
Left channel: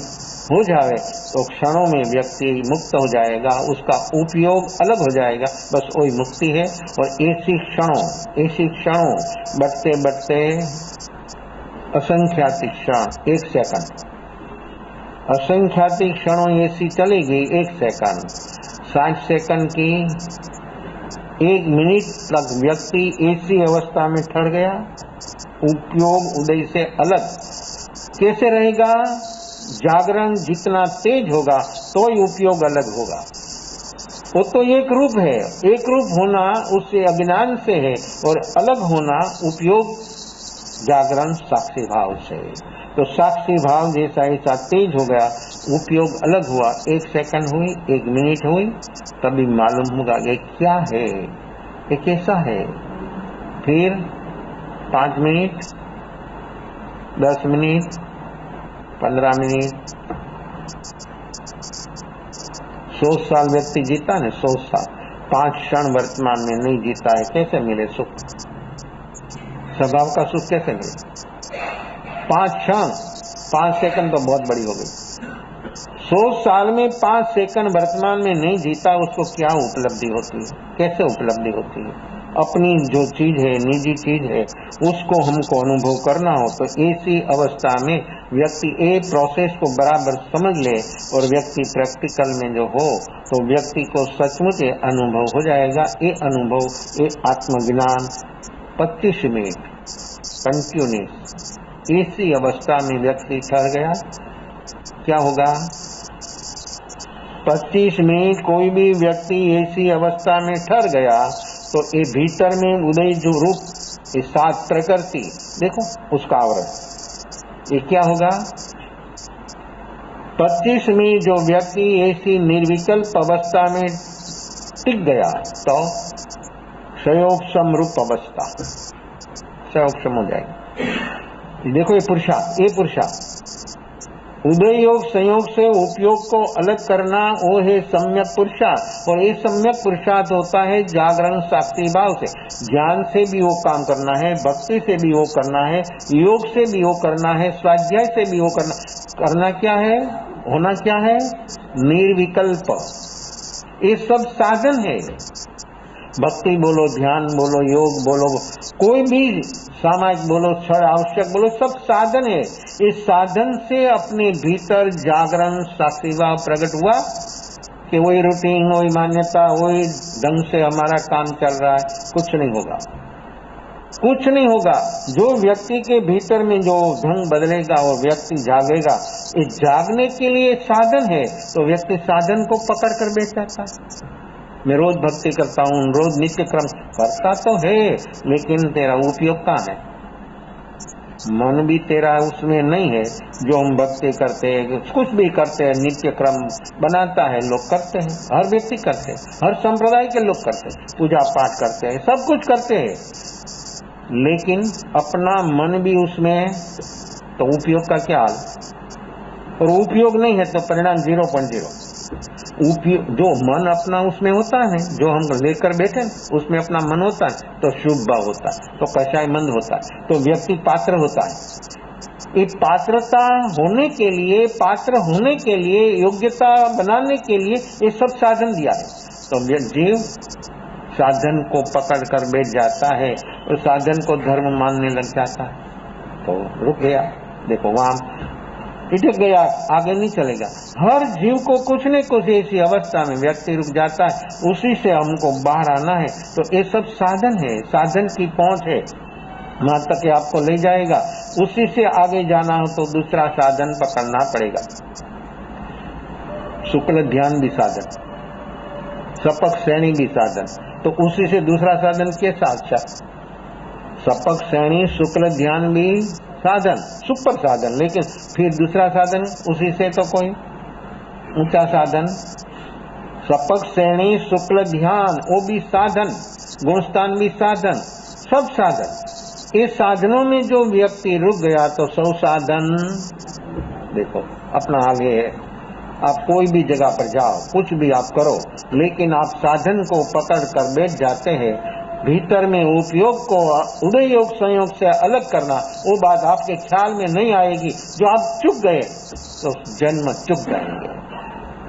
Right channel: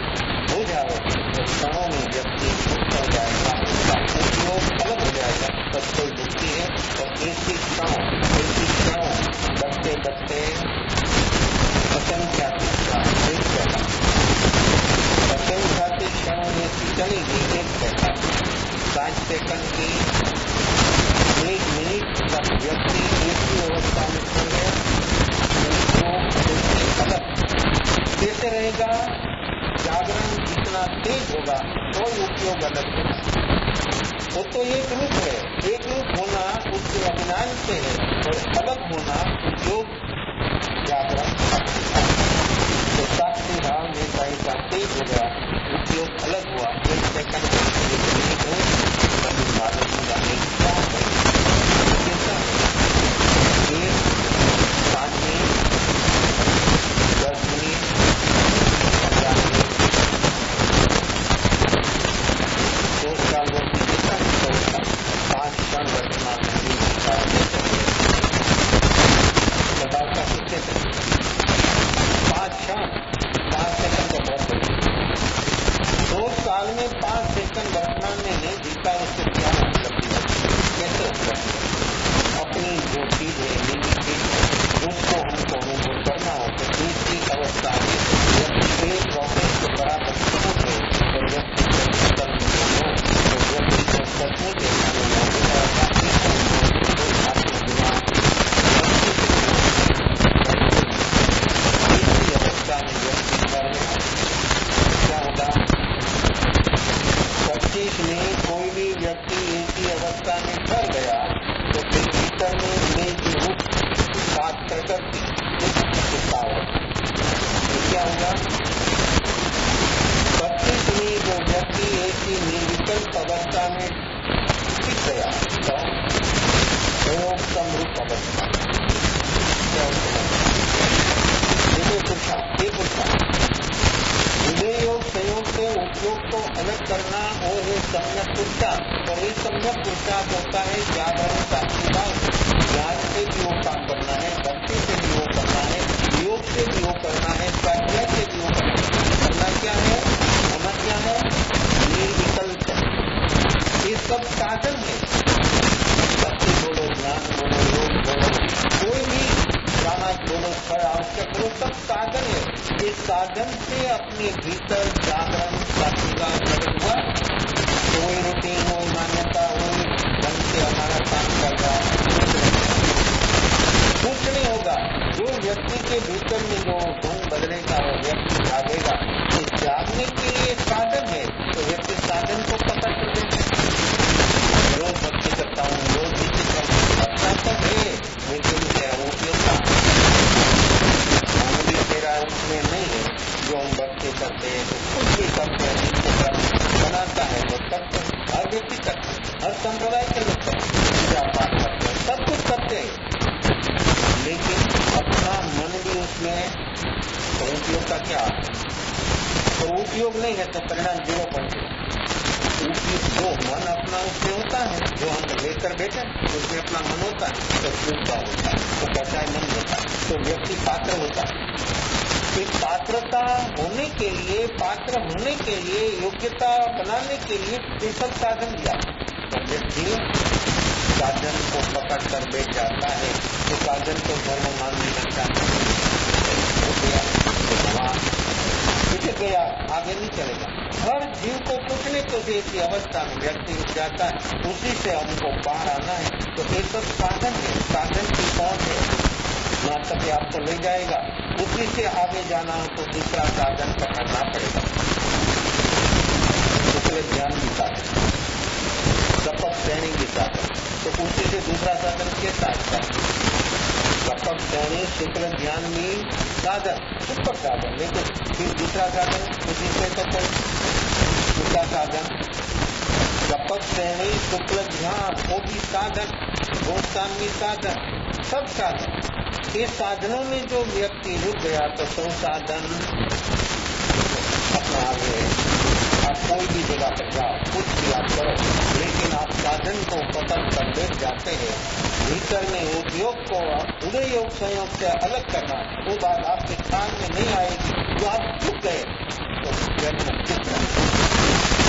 हो जाए तो क्षणों में व्यक्ति मुक्त हो जाएगा, उसका उपयोग अलग हो जाएगा, बस वही मुक्ति है। और ऐसी क्षणों बढ़ते बढ़ते असंख्याति क्षण, एक सेकंड असंख्याति क्षणों ऐसी चलेगी, एक सेकंड 60 सेकंड की 1 मिनट तक व्यक्ति ऐसी अवस्था में ठहर गया। उपयोग उदय से अलग कैसे रहेगा। जागरण जितना तेज होगा तो ही उपयोग अलग होगा। वो तो एक रूप है, एक रूप होना उसके अज्ञान से है और अलग होना उपयोग जागरण साक्षी भाव। तो साक्षी भाव जैसा ऐसा तेज हो गया, उपयोग अलग हुआ। 1 सेकंड हुई, 1 मिनट हुई, तभी मालूम होगा ये क्या है, तो कैसा है। फिर 5 मिनट, 10 मिनट, 15 मिनट, 100 साल व्यक्ति जीता है, 100 साल 5 क्षण वर्तमान में नहीं जीता है, कैसे मिले सुख। स्वभाव का सुख कैसे मिले। 5 क्षण, 5 सेकंड तो बहुत बड़ी हो गई। 100 साल में 5 सेकंड वर्तमान में नहीं जीता, उसको क्या उपलब्धि होती है, कैसे उपलब्धि होती है। अपनी जो चीज है, निजी चीज है, उसको हमको अनुभव करना हो तो ऐसी अवस्था में व्यक्ति एक प्रोसेस को बराबर समझ ले और व्यक्ति प्रैक्टिकल में जो हो तो व्यक्ति को सचमुच अनुभव हो जाएगा। ये अनुभव, ये आत्मज्ञान 25 मिनट कंटिन्यू ऐसी अवस्था में व्यक्ति ठहर गया, क्या होगा। 25 में कोई भी व्यक्ति ऐसी अवस्था में ठहर गया तो ये भीतर में उदय जो रूप सात प्रकृति देखो उसका आवरण, ये क्या होगा। 25 में जो व्यक्ति ऐसी निर्विकल्प अवस्था में टिक गया तो संयोग समरूप अवस्था, संयोग समुदाय। देखो ये पुरुषार्थ उदय योग संयोग से उपयोग को अलग करना, वो है सम्यक पुरुषार्थ। और ये सम्यक पुरुषार्थ होता है जागरण साक्षी भाव से। ज्ञान से भी वो काम करना है, भक्ति से भी वो करना है, योग से भी वो करना है, स्वाध्याय से भी वो करना क्या है, होना क्या है, निर्विकल्प। ये सब साधन है। भक्ति बोलो, ध्यान बोलो, योग बोलो, कोई भी सामाजिक बोलो, छड़ आवश्यक बोलो, सब साधन है। इस साधन से अपने भीतर जागरण साक्षीभाव प्रकट हुआ कि वही रूटीन, वही मान्यता, वही ढंग से हमारा काम चल रहा है, कुछ नहीं होगा, कुछ नहीं होगा। जो व्यक्ति के भीतर में जो ढंग बदलेगा वो व्यक्ति जागेगा। इस जागने के लिए साधन है तो व्यक्ति साधन को पकड़ कर बैठा है। मैं रोज भक्ति करता हूँ, रोज नित्य क्रम करता तो है, लेकिन तेरा उपयोग कहाँ है। मन भी तेरा उसमें नहीं है। जो हम भक्ति करते हैं, जो कुछ भी करते हैं, नित्य क्रम बनाता है, लोग करते हैं, हर व्यक्ति करते हैं, हर संप्रदाय के लोग करते हैं, पूजा पाठ करते हैं, सब कुछ करते हैं, लेकिन अपना मन भी उसमें, तो उपयोग का क्या हाल है। और उपयोग नहीं है तो परिणाम 0.0। जो मन अपना उसमें होता है, जो हम लेकर बैठे उसमें अपना मन होता है तो शुभ भाव होता है, तो कषायमंद होता है, तो व्यक्ति पात्र होता है। इस पात्रता होने के लिए, पात्र होने के लिए, योग्यता बनाने के लिए ये सब साधन दिया। तो जीव साधन को पकड़ कर बैठ जाता है, तो साधन को धर्म मानने लग जाता है, तो रुक गया। देखो वहां पिछक गया, आगे नहीं चलेगा। हर जीव को कुछ न कुछ ऐसी अवस्था में व्यक्ति रुक जाता है, उसी से हमको बाहर आना है। तो ये सब साधन है, साधन की पहुंच है, वहां तक आपको ले जाएगा। उसी से आगे जाना हो तो दूसरा साधन पकड़ना पड़ेगा। शुक्ल ध्यान भी साधन, सपक श्रेणी भी साधन, तो उसी से दूसरा साधन कैसा अच्छा है? सपक श्रेणी शुक्ल ध्यान भी साधन, सुपर साधन, लेकिन फिर दूसरा साधन उसी से तो कोई ऊंचा साधन। सपक श्रेणी शुक्ल ध्यान वो भी साधन, गुणस्थान भी साधन, सब साधन। इस साधनों में जो व्यक्ति रुक गया तो सौ साधन देखो अपना आगे है। आप कोई भी जगह पर जाओ, कुछ भी आप करो, लेकिन आप साधन को पकड़ कर बैठ जाते हैं। भीतर में उपयोग को उदय योग संयोग से अलग करना, वो बात आपके ख्याल में नहीं आएगी। जो आप चुक गए तो जन्म चुक गया,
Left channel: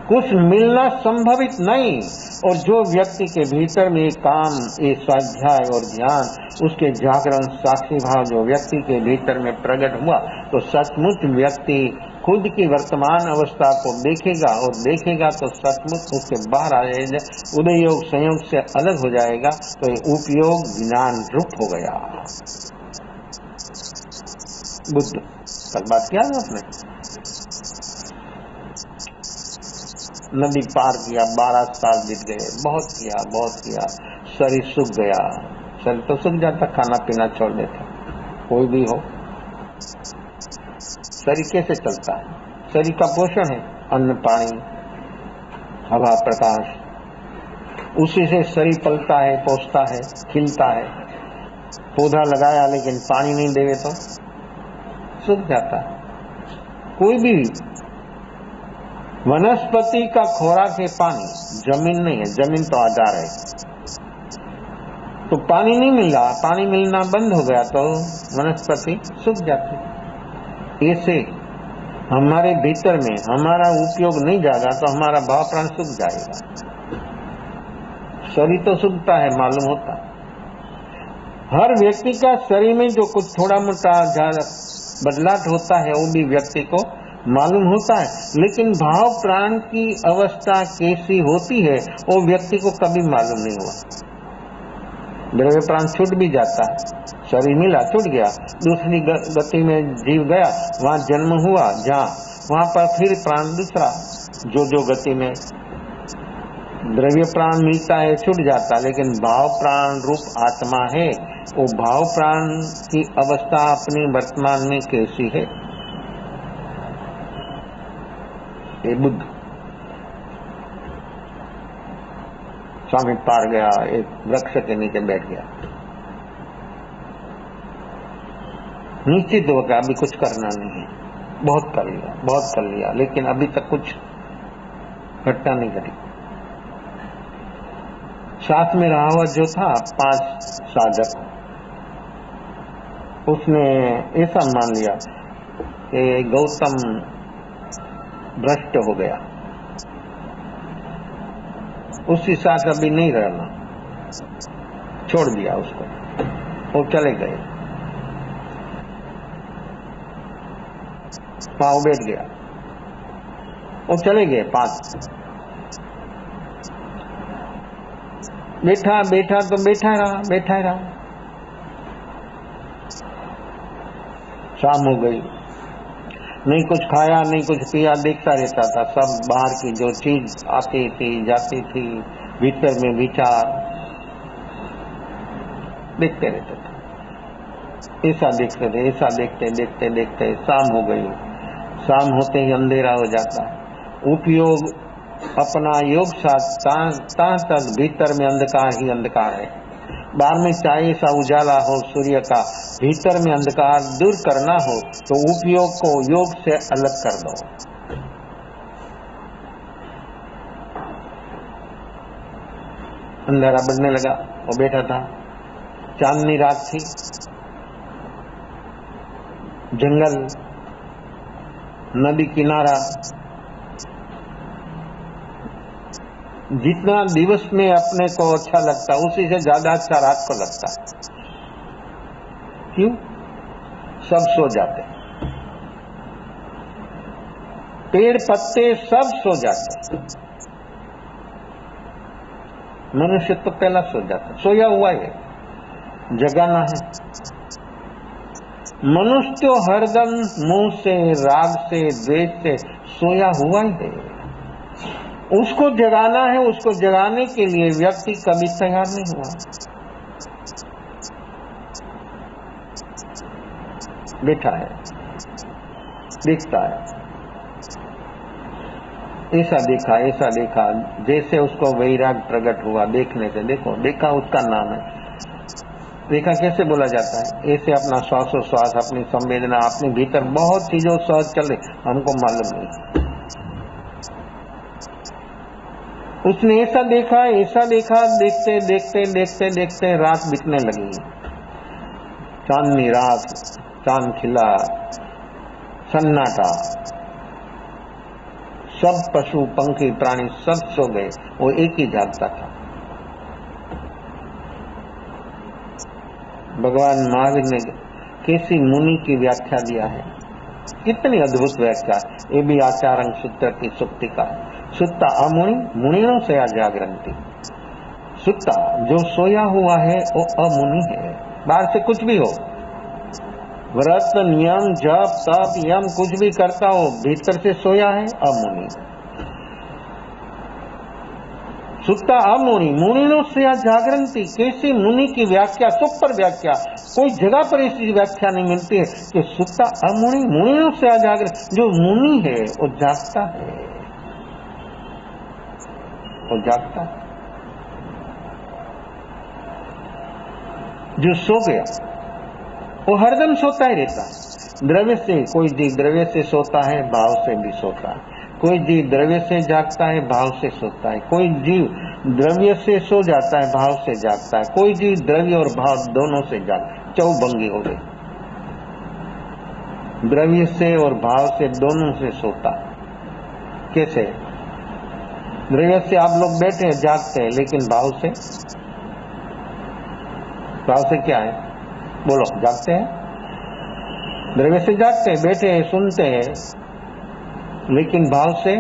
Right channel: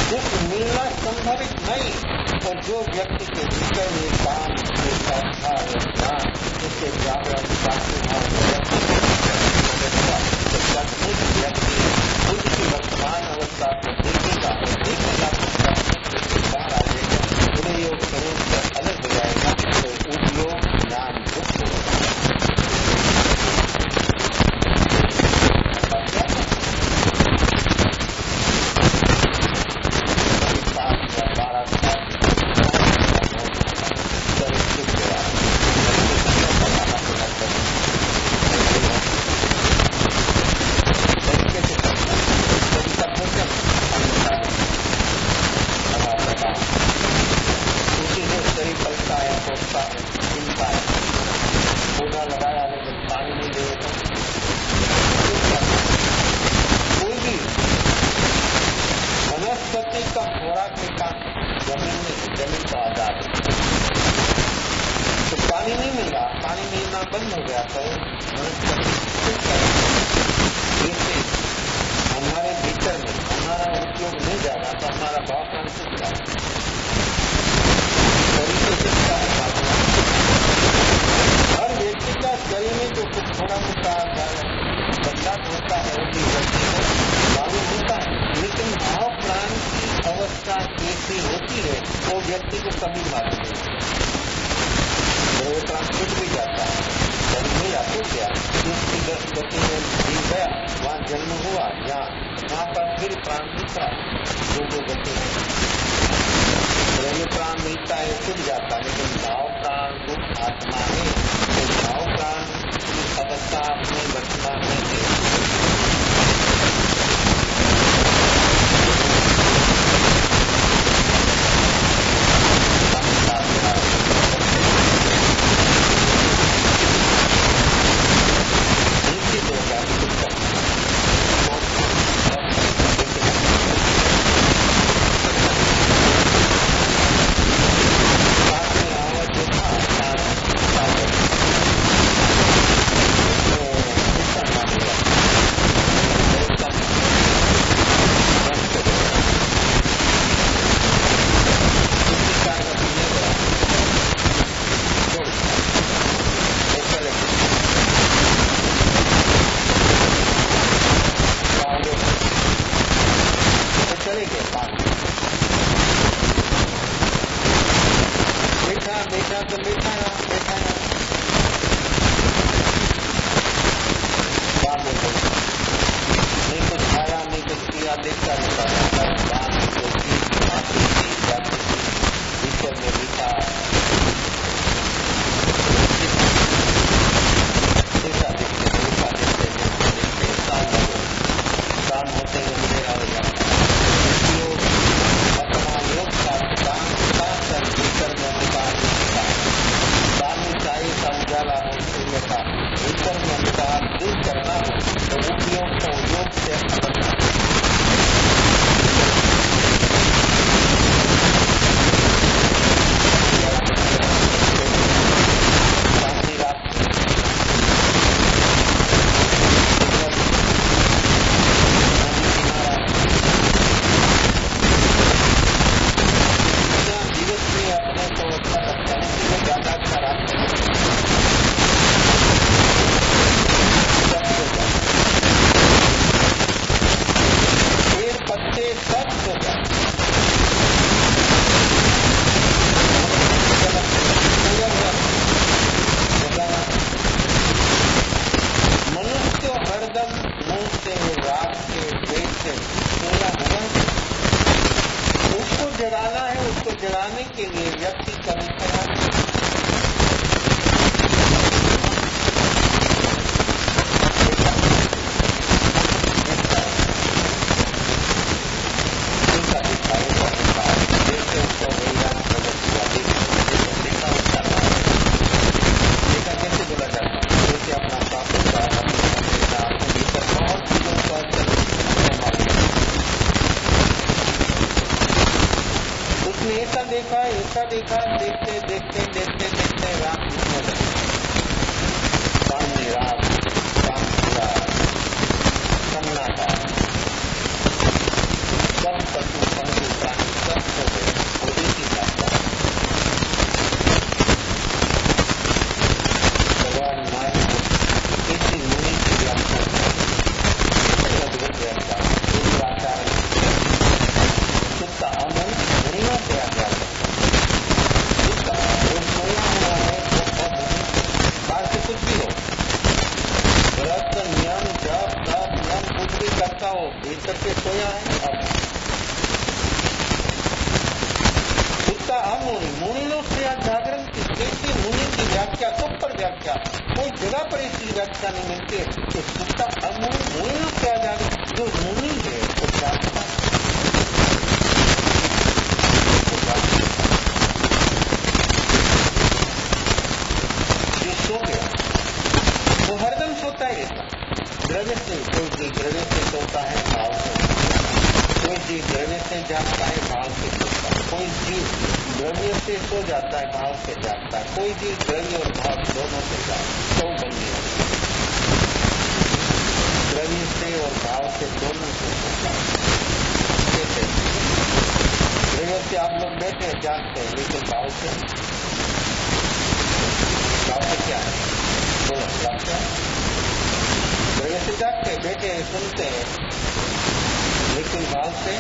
कुछ मिलना संभवित नहीं। और जो व्यक्ति के भीतर में काम, ये स्वाध्याय और ध्यान, उसके जागरण शास्त्री भाव जो व्यक्ति के भीतर में प्रकट हुआ, तो सचमुच व्यक्ति खुद की वर्तमान अवस्था को देखेगा और देखेगा तो सचमुच उसके बाहर आ जाएगा, उदय योग संयोग से अलग हो जाएगा, तो उपयोग ज्ञान रूप हो गया। देखिए बात क्या है, नदी पार किया, 12 साल बीते, बहुत किया, शरीर सूख गया, शरीर तो सूख जाता, खाना पीना छोड़ देता, कोई भी हो, शरीर कैसे चलता है? शरीर का पोषण है, अन्न पानी हवा प्रकाश, उसी से शरीर पलता है, पोषता है, खिलता है। पौधा लगाया लेकिन पानी नहीं देंगे तो सूख जाता है। कोई भी वनस्पति का खोराक है पानी, जमीन नहीं है, जमीन तो आधार है। तो पानी नहीं मिल रहा, पानी मिलना बंद हो गया तो वनस्पति सूख जाती। ऐसे हमारे भीतर में हमारा उपयोग नहीं जाएगा तो हमारा भाव प्राण सूख जाएगा। शरीर तो सूखता है, मालूम होता है। हर व्यक्ति का शरीर में जो कुछ थोड़ा मोटा बदलाव होता है वो भी व्यक्ति को मालूम होता है, लेकिन भाव प्राण की अवस्था कैसी होती है वो व्यक्ति को कभी मालूम नहीं होता। द्रव्य प्राण छूट भी जाता है, शरीर मिला छूट गया, दूसरी गति में जीव गया, वहां जन्म हुआ, जहाँ वहां पर फिर प्राण दूसरा, जो गति में द्रव्य प्राण मिलता है छूट जाता, लेकिन भाव प्राण रूप आत्मा है, वो भाव प्राण की अवस्था अपनी वर्तमान में कैसी है? स्वामी पार गया, एक वृक्ष के नीचे बैठे, निश्चित होगा अभी कुछ करना नहीं, बहुत कर लिया, लेकिन अभी तक कुछ करता नहीं। साथ में रहा हुआ जो था 5 साधक, उसने ऐसा मान लिया कि गौतम भ्रष्ट हो गया, उसके साथ अभी नहीं गया, छोड़ दिया उसको और चले गए, पाँव बैठ गया और चले गए। 5 बैठा तो बैठा रहा, शाम हो गई, नहीं कुछ खाया नहीं कुछ पिया, देखता रहता था। सब बाहर की जो चीज आती थी जाती थी, भीतर में विचार देखते, ऐसा देखते शाम हो गई। शाम होते ही अंधेरा हो जाता है। उपयोग अपना योग का तक भीतर में अंधकार ही अंधकार है। बाहर में चाहे सा उजाला हो सूर्य का, भीतर में अंधकार दूर करना हो तो उपयोग को योग से अलग कर दे। अंधेरा बढ़ने लगा तो बैठा था, चांदनी रात थी, जंगल, नदी किनारा, जितना दिवस में अपने को अच्छा लगता उसी से ज्यादा अच्छा रात को लगता है। सब सो जाते, पेड़ पत्ते सब सो जाते, मनुष्य तो पहला सोता है, सोया हुआ है, जगाना है। मनुष्य तो हरदम मोह से, राग से, द्वेष से सोया हुआ ही है। उसको जगाना है, उसको जगाने के लिए व्यक्ति कभी तैयार नहीं है। देखा दिखता है, ऐसा देखा, जैसे उसको वैराग प्रकट हुआ देखने से। देखा उसका नाम है। देखा कैसे बोला जाता है? ऐसे अपना श्वासोच्छ्वास, अपनी संवेदना, अपने भीतर बहुत चीजों श्वास चले, हमको मालूम है। उसने ऐसा देखा, देखते रात बीतने लगी। चांदनी रात, चांद खिला, सन्नाटा, सब पशु पंखी प्राणी सब सो गए, वो एक ही जागता है। भगवान महावीर ने कैसी मुनि की व्याख्या दिया है, कितनी अद्भुत व्याख्या है। ये भी आचारण चित्त की शक्ति का। सुत्ता अमुनि, मुनियों से जागरण की। सुत्ता जो सोया हुआ है वो अमुनि है। बाहर से कुछ भी हो, व्रत, नियम, जप, तप, यम कुछ भी करता हो, भीतर से सोया है अमुनि। सुत्ता अमुनि, मुनियों से जागरण की। कैसी मुनि की व्याख्या, सुपर व्याख्या, कोई जगह पर ऐसी व्याख्या नहीं मिलती है कि सुत्ता अमुनि, मुनियों से जागरण। जो मुनि है वो जागता है, वो जागता है। जो सो गया वो हरदम सोता ही रहता है। द्रव्य से, कोई जीव द्रव्य से सोता है, भाव से भी सोता है। कोई जीव द्रव्य से जागता है, भाव से सोता है। कोई जीव द्रव्य से सो जाता है, भाव से जागता है। कोई जीव द्रव्य और भाव दोनों से जागता है। चौभंगी हो गई, द्रव्य से और भाव से दोनों से सोता है। कैसे? द्रव्य से आप लोग बैठे हैं, जागते हैं, लेकिन भाव से क्या है? बोलो, जागते हैं। द्रव्य से जागते हैं, बैठे हैं, सुनते हैं, लेकिन भाव से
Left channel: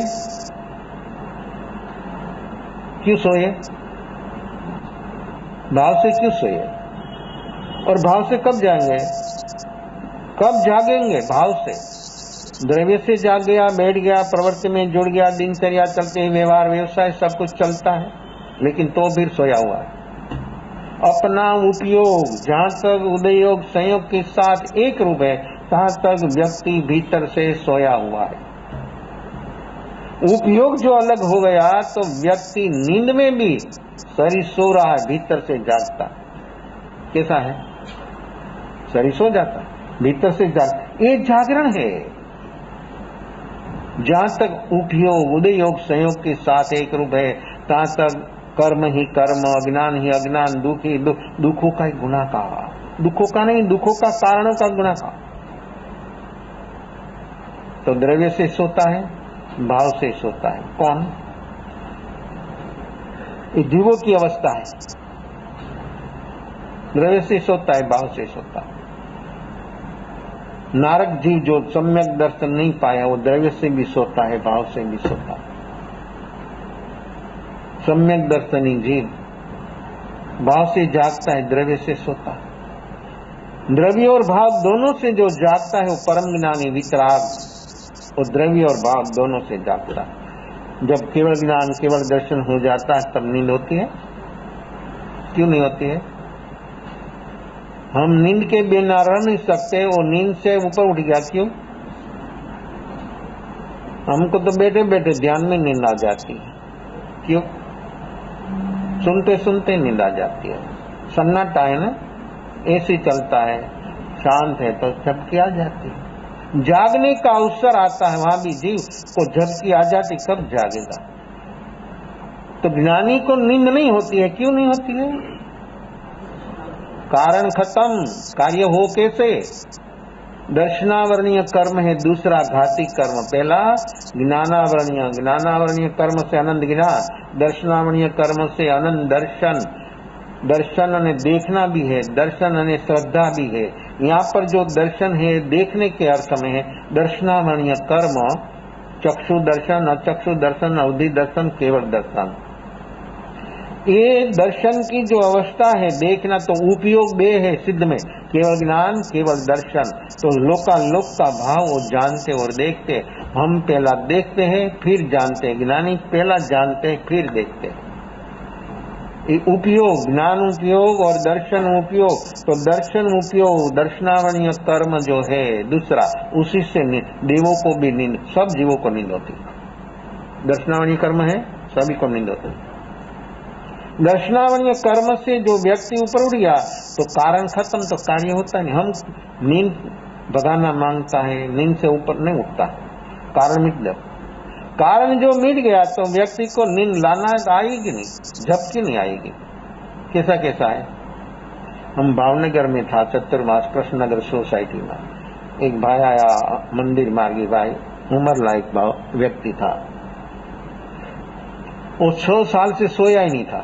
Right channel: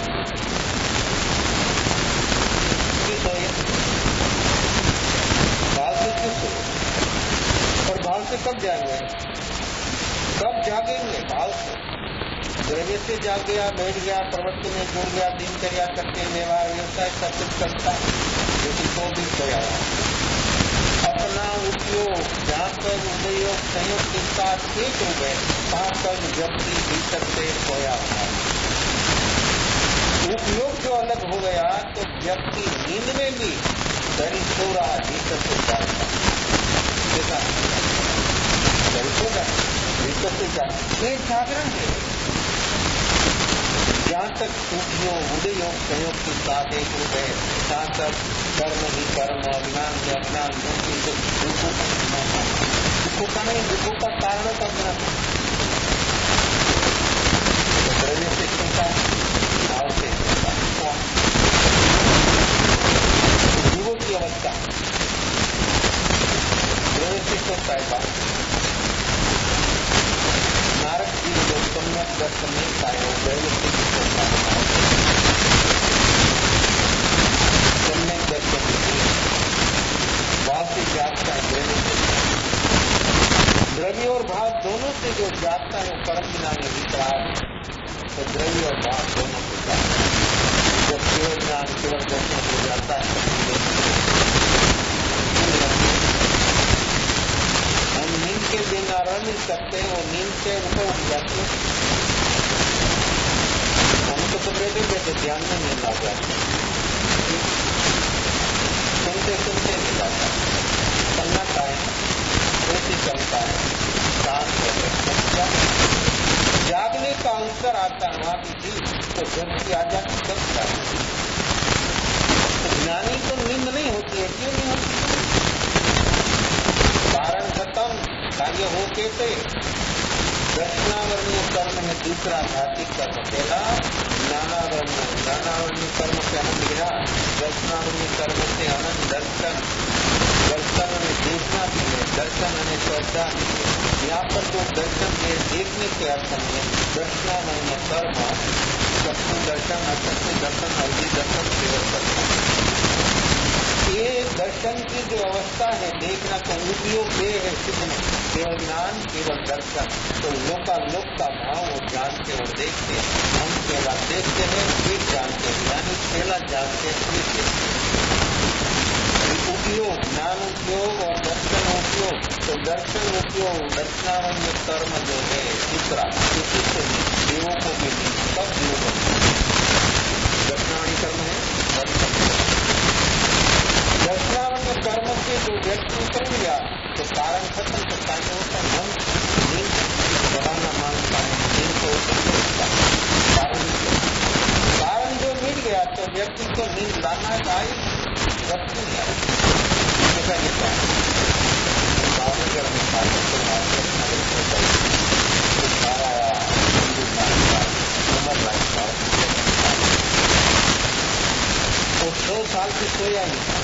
क्यों सोए? भाव से क्यों सोए? और भाव से कब जाएंगे? कब जागेंगे? भाव से। द्रव्य से जाग गया, बैठ गया, प्रवृत्ति में जुड़ गया, दिनचर्या चलते, व्यवहार व्यवसाय सब कुछ चलता है, लेकिन तो भी सोया हुआ है। अपना उपयोग जहां तक उदयोग संयोग के साथ एक रूप है, तहां तक व्यक्ति भीतर से सोया हुआ है। उपयोग जो अलग हो गया तो व्यक्ति नींद में भी शरीर सो रहा है, भीतर से जागता। कैसा है? शरीर सो जाता, भीतर से जाग, ये जागरण है। जहां तक उपयोग उदयोग संयोग के साथ एक रूप है, तहां तक कर्म ही कर्म, अज्ञान ही अज्ञान, दुख ही दुख, दुखों का ही गुना का, दुखों का नहीं, दुखों का कारणों का गुना का। तो द्रव्य से सोता है, भाव से सोता है। कौन? तो जीवों की अवस्था है। द्रव्य से सोता है, भाव से सोता है। नारद जी जो सम्यक दर्शन नहीं पाया, वो द्रव्य से भी सोता है, भाव से भी सोता है। सम्यक दर्शनी जीव भाव से जागता है, द्रव्य से सोता है। द्रव्य और भाव दोनों से जो जागता है वो परम ज्ञानी वितराग, वो द्रव्य और भाव दोनों से जागता है। जब केवल ज्ञान, केवल दर्शन हो जाता है, तब नींद होती है। क्यों नहीं होती है? हम नींद के बिना रह नहीं सकते, वो नींद से ऊपर उठ गया। क्यों? हमको तो बैठे बैठे ध्यान में नींद आ जाती है। क्यों? सुनते सुनते नींद आ जाती है। सन्नाटा है ना, ऐसे चलता है, शांत है, तो शक्ति आ जाती। जागने का अवसर आता है, वहां भी जीव को झपकी आ जाती, कब जागेगा? तो ज्ञानी को नींद नहीं होती है। क्यों नहीं होती है? कारण खत्म, कार्य हो कैसे? दर्शनावरणीय कर्म है दूसरा घाती कर्म। पहला ज्ञानावरणीय कर्म से आनंद गिना, दर्शनावरणीय कर्म से आनंद दर्शन। दर्शन ने देखना भी है, दर्शन ने श्रद्धा भी है। यहाँ पर जो दर्शन है देखने के अर्थ में है। दर्शनावरणीय कर्म चक्षु दर्शन, अचक्षु दर्शन, अवधि दर्शन, केवल दर्शन। ये दर्शन की जो अवस्था है, देखना तो उपयोग देह है सिद्ध में, केवल ज्ञान, केवल दर्शन। तो लोकालोक का भाव वो जानते और देखते। हम पहला देखते हैं फिर जानते हैं, ज्ञानी पहला जानते हैं फिर देखते हैं। उपयोग, ज्ञान उपयोग और दर्शन उपयोग। तो दर्शन उपयोग, दर्शनावण्य कर्म जो है दूसरा, उसी से देवों को भी नींद, सब जीवों को नींद होती। दर्शनावण्य कर्म है सभी को नींद होती। दर्शनावण्य कर्म से जो व्यक्ति ऊपर उठ गया तो कारण खत्म, तो कार्य होता नहीं। हम नींद भगाना मांगता है, नींद से ऊपर नहीं उठता, कारण मिट गया। कारण जो मिट गया तो व्यक्ति को नींद लाना आएगी नहीं, झपकी नहीं आएगी। कैसा कैसा है? हम भावनगर में था, डॉक्टर महाकृष्ण नगर सोसाइटी में एक भाई आया, मंदिर मांगी भाई, उम्र लायक भाव व्यक्ति था। वो 6 साल से सोया ही नहीं था।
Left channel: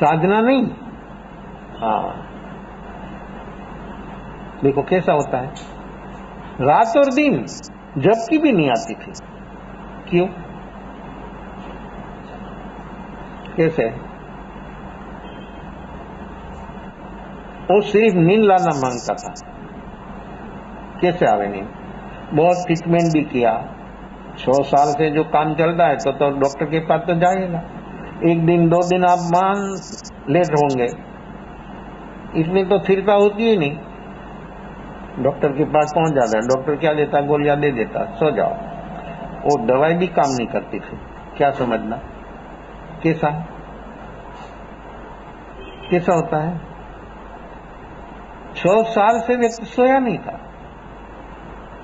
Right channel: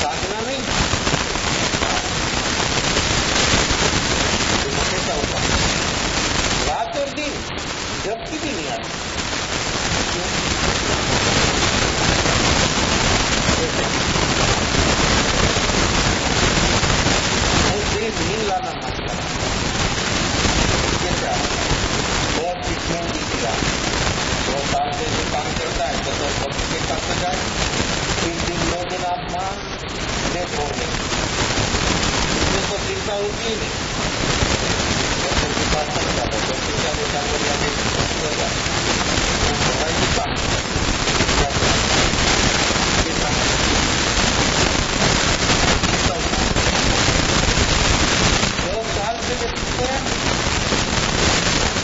साधना नहीं। हाँ, देखो कैसा होता है, रात और दिन झपकी भी नहीं आती थी। क्यों? कैसे? वो सिर्फ नींद लाना मांगता था। कैसे आ रही है? बहुत ट्रीटमेंट भी किया, 100 साल से जो काम चलता है तो डॉक्टर के पास तो जाएगा। एक दिन 2 दिन आप मान लेट होंगे, इसमें तो स्थिरता होती ही नहीं। डॉक्टर के पास पहुंच जाता है, डॉक्टर क्या देता, गोलियां दे देता, सो जाओ। वो दवाई भी काम नहीं करती। क्या समझना है? कैसा कैसा होता है? 100 साल से व्यक्ति सोया नहीं था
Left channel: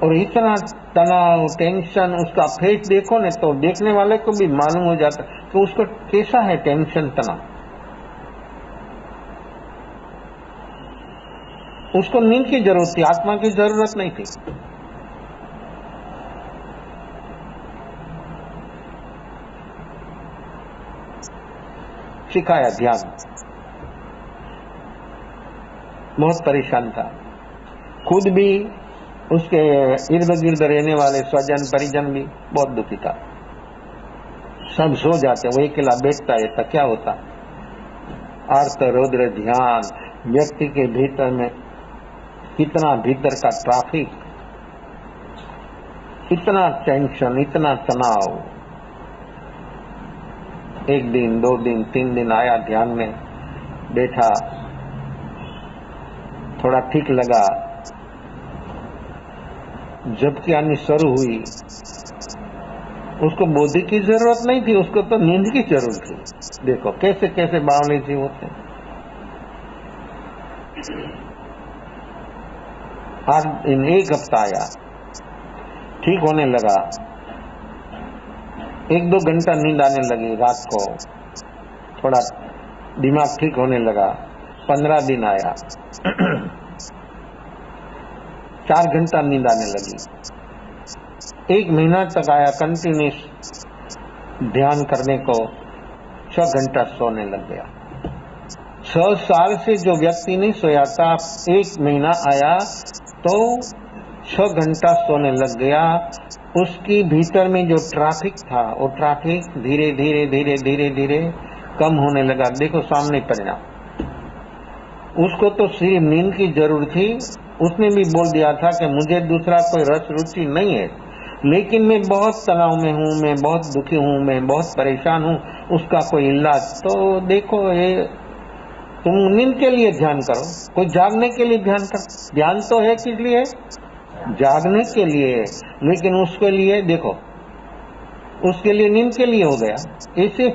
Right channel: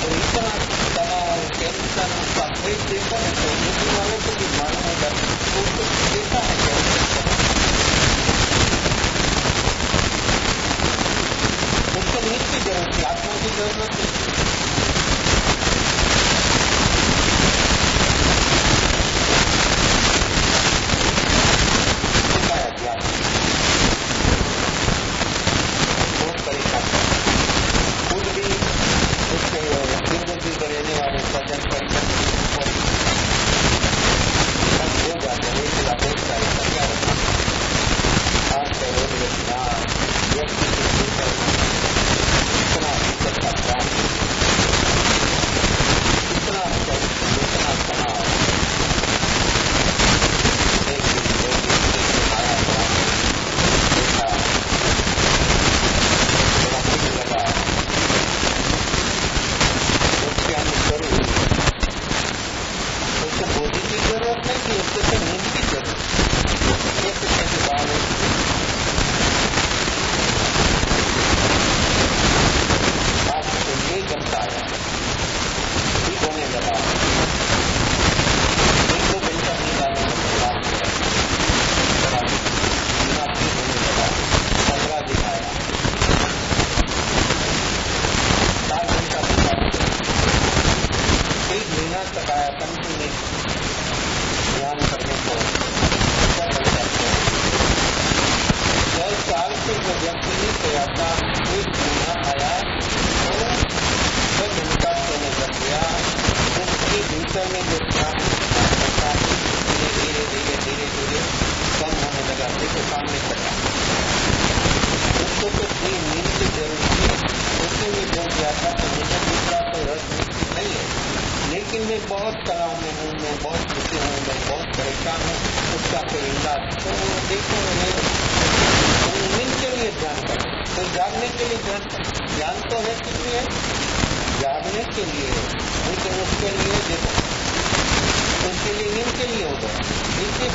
और इतना तनाव, टेंशन, उसका फेस देखो ना तो देखने वाले को भी मालूम हो जाता है तो उसको कैसा है टेंशन, तनाव। उसको नींद की जरूरत थी, आत्मा की जरूरत नहीं थी। सिखाया ध्यान, बहुत परेशान था। खुद भी, उसके इर्द गिर्द रहने वाले स्वजन परिजन भी बहुत दुखी था। सब सो जाते, वो अकेला देखता रहता। क्या होता? आर्त रौद्र ध्यान, व्यक्ति के भीतर में कितना भीतर का ट्रैफिक, इतना टेंशन, इतना तनाव। 1 दिन 2 दिन 3 दिन आया, ध्यान में बैठा, थोड़ा ठीक लगा, जबकि आनी शुरू हुई। उसको बोधि की जरूरत नहीं थी, उसको तो नींद की जरूरत थी। देखो कैसे कैसे भावने की हो। आज इन 1 हफ्ता आया, ठीक होने लगा, 1-2 घंटा नींद आने लगी रात को, थोड़ा दिमाग ठीक होने लगा। 15 दिन आया, 4 घंटा नींद आने लगी। 1 महीना तक आया, कंटिन्यूस ध्यान करने को 6 घंटा सोने लगे। 6 साल से जो व्यक्ति नहीं सोया था, 1 महीना आया तो 6 घंटा सोने लग गया। उसकी भीतर में जो ट्रैफिक था, वो ट्रैफिक धीरे धीरे धीरे धीरे धीरे कम होने लगा। देखो सामने परिणाम। उसको तो सिर्फ नींद की जरूरत थी। उसने भी बोल दिया था कि मुझे दूसरा कोई रस रुचि नहीं है, लेकिन मैं बहुत तनाव में हूँ, मैं बहुत दुखी हूँ, मैं बहुत परेशान हूँ, उसका कोई इलाज। तो देखो, ये तुम नींद के लिए ध्यान करो, कोई जागने के लिए ध्यान करो। ध्यान तो है किस लिए? जागने के लिए, लेकिन उसके लिए देखो, उसके लिए नींद के लिए हो गया। ऐसे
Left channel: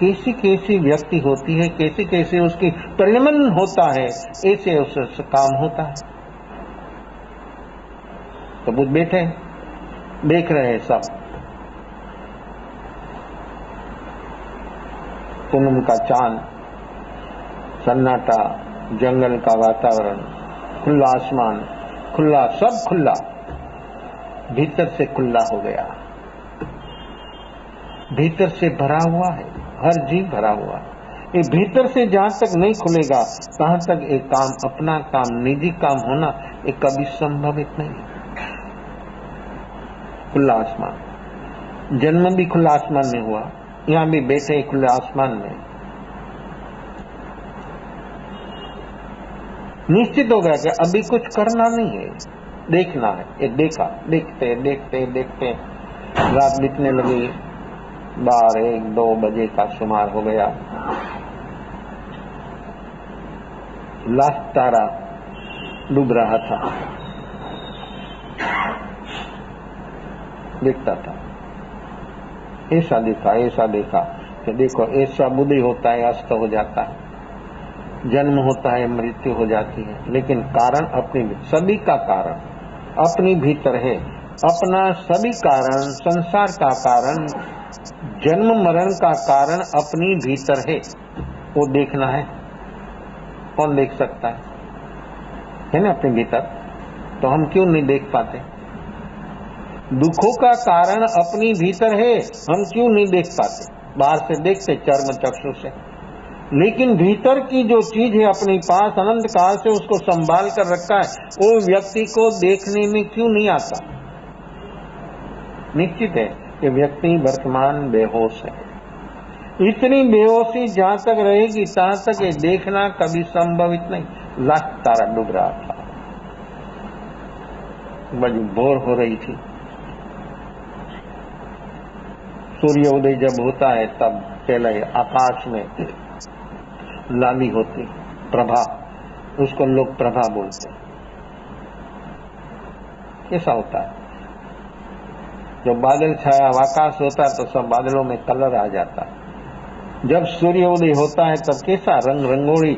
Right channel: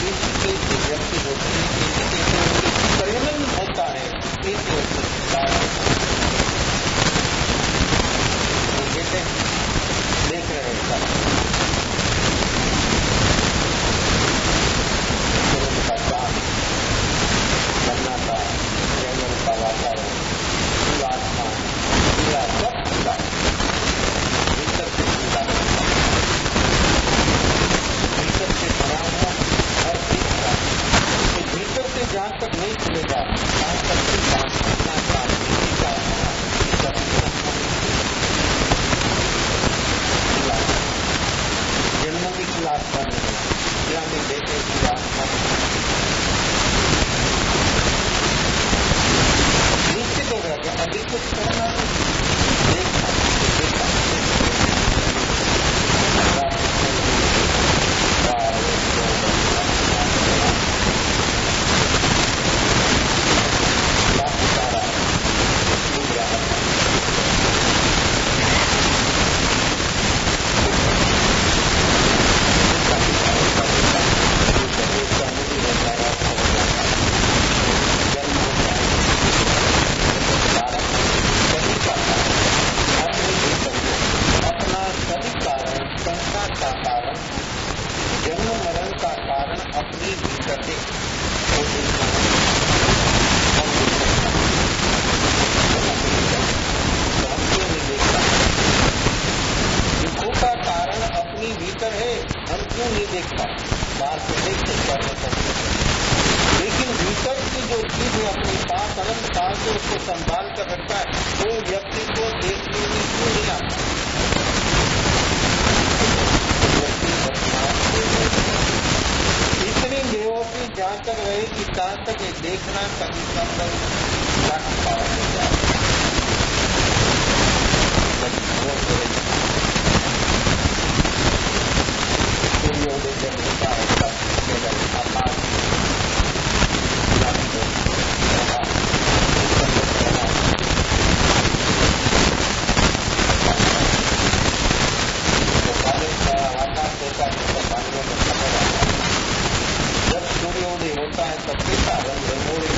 कैसी कैसी व्यक्ति होती है, कैसे कैसे उसके परिणमन होता है, ऐसे उससे काम होता है। तो वो बैठे देख रहे हैं सब, पूनम का चांद, सन्नाटा, जंगल का वातावरण, खुला आसमान, खुला, सब खुला, भीतर से खुला हो गया, भीतर से भरा हुआ, हर जीव भरा हुआ। ये भीतर से जहां तक नहीं खुलेगा, तहां तक एक काम, अपना काम, निजी काम होना, ये कभी संभव नहीं। खुला आसमान, जन्म भी खुला आसमान में हुआ, यहां भी बैठे खुले आसमान में। निश्चित हो गया कि अभी कुछ करना नहीं है, देखना। तो देखा, देखते देखते देखते रात बीतने लगी, 12-1-2 बजे का शुमार हो गया। लास्ट तारा डूब रहा था। देखा, ऐसा देखा, ऐसा देखा। देखो, ऐसा बुद्धि होता है, अस्त हो जाता है, जन्म होता है, मृत्यु हो जाती है, लेकिन कारण अपने सभी का कारण अपने भीतर है। अपना सभी कारण, संसार का कारण, जन्म मरण का कारण अपनी भीतर है। वो देखना है। कौन देख सकता है ना अपने भीतर? तो हम क्यों नहीं देख पाते? दुखों का कारण अपनी भीतर है, हम क्यों नहीं देख पाते? बाहर से देखते, कर्म करते थे, लेकिन भीतर की जो चीज है अपने पास अनंत काल से उसको संभाल कर रखा है, वो व्यक्ति को देखने में क्यों नहीं आता? निश्चित है कि व्यक्ति वर्तमान बेहोश है। इतनी बेहोशी जहां तक रहेगी तहां तक ये देखना कभी संभवित नहीं। लाख तारा डूब रहा था, बड़ी भोर हो रही थी। सूर्योदय जब होता है तब पहले आकाश में लाली होती, प्रभा, उसको लोग प्रभा बोलते। ऐसा होता है। जब बादल छाया आकाश होता है तो सब बादलों में कलर आ जाता है। जब सूर्योदय होता है तब कैसा रंग रंगोली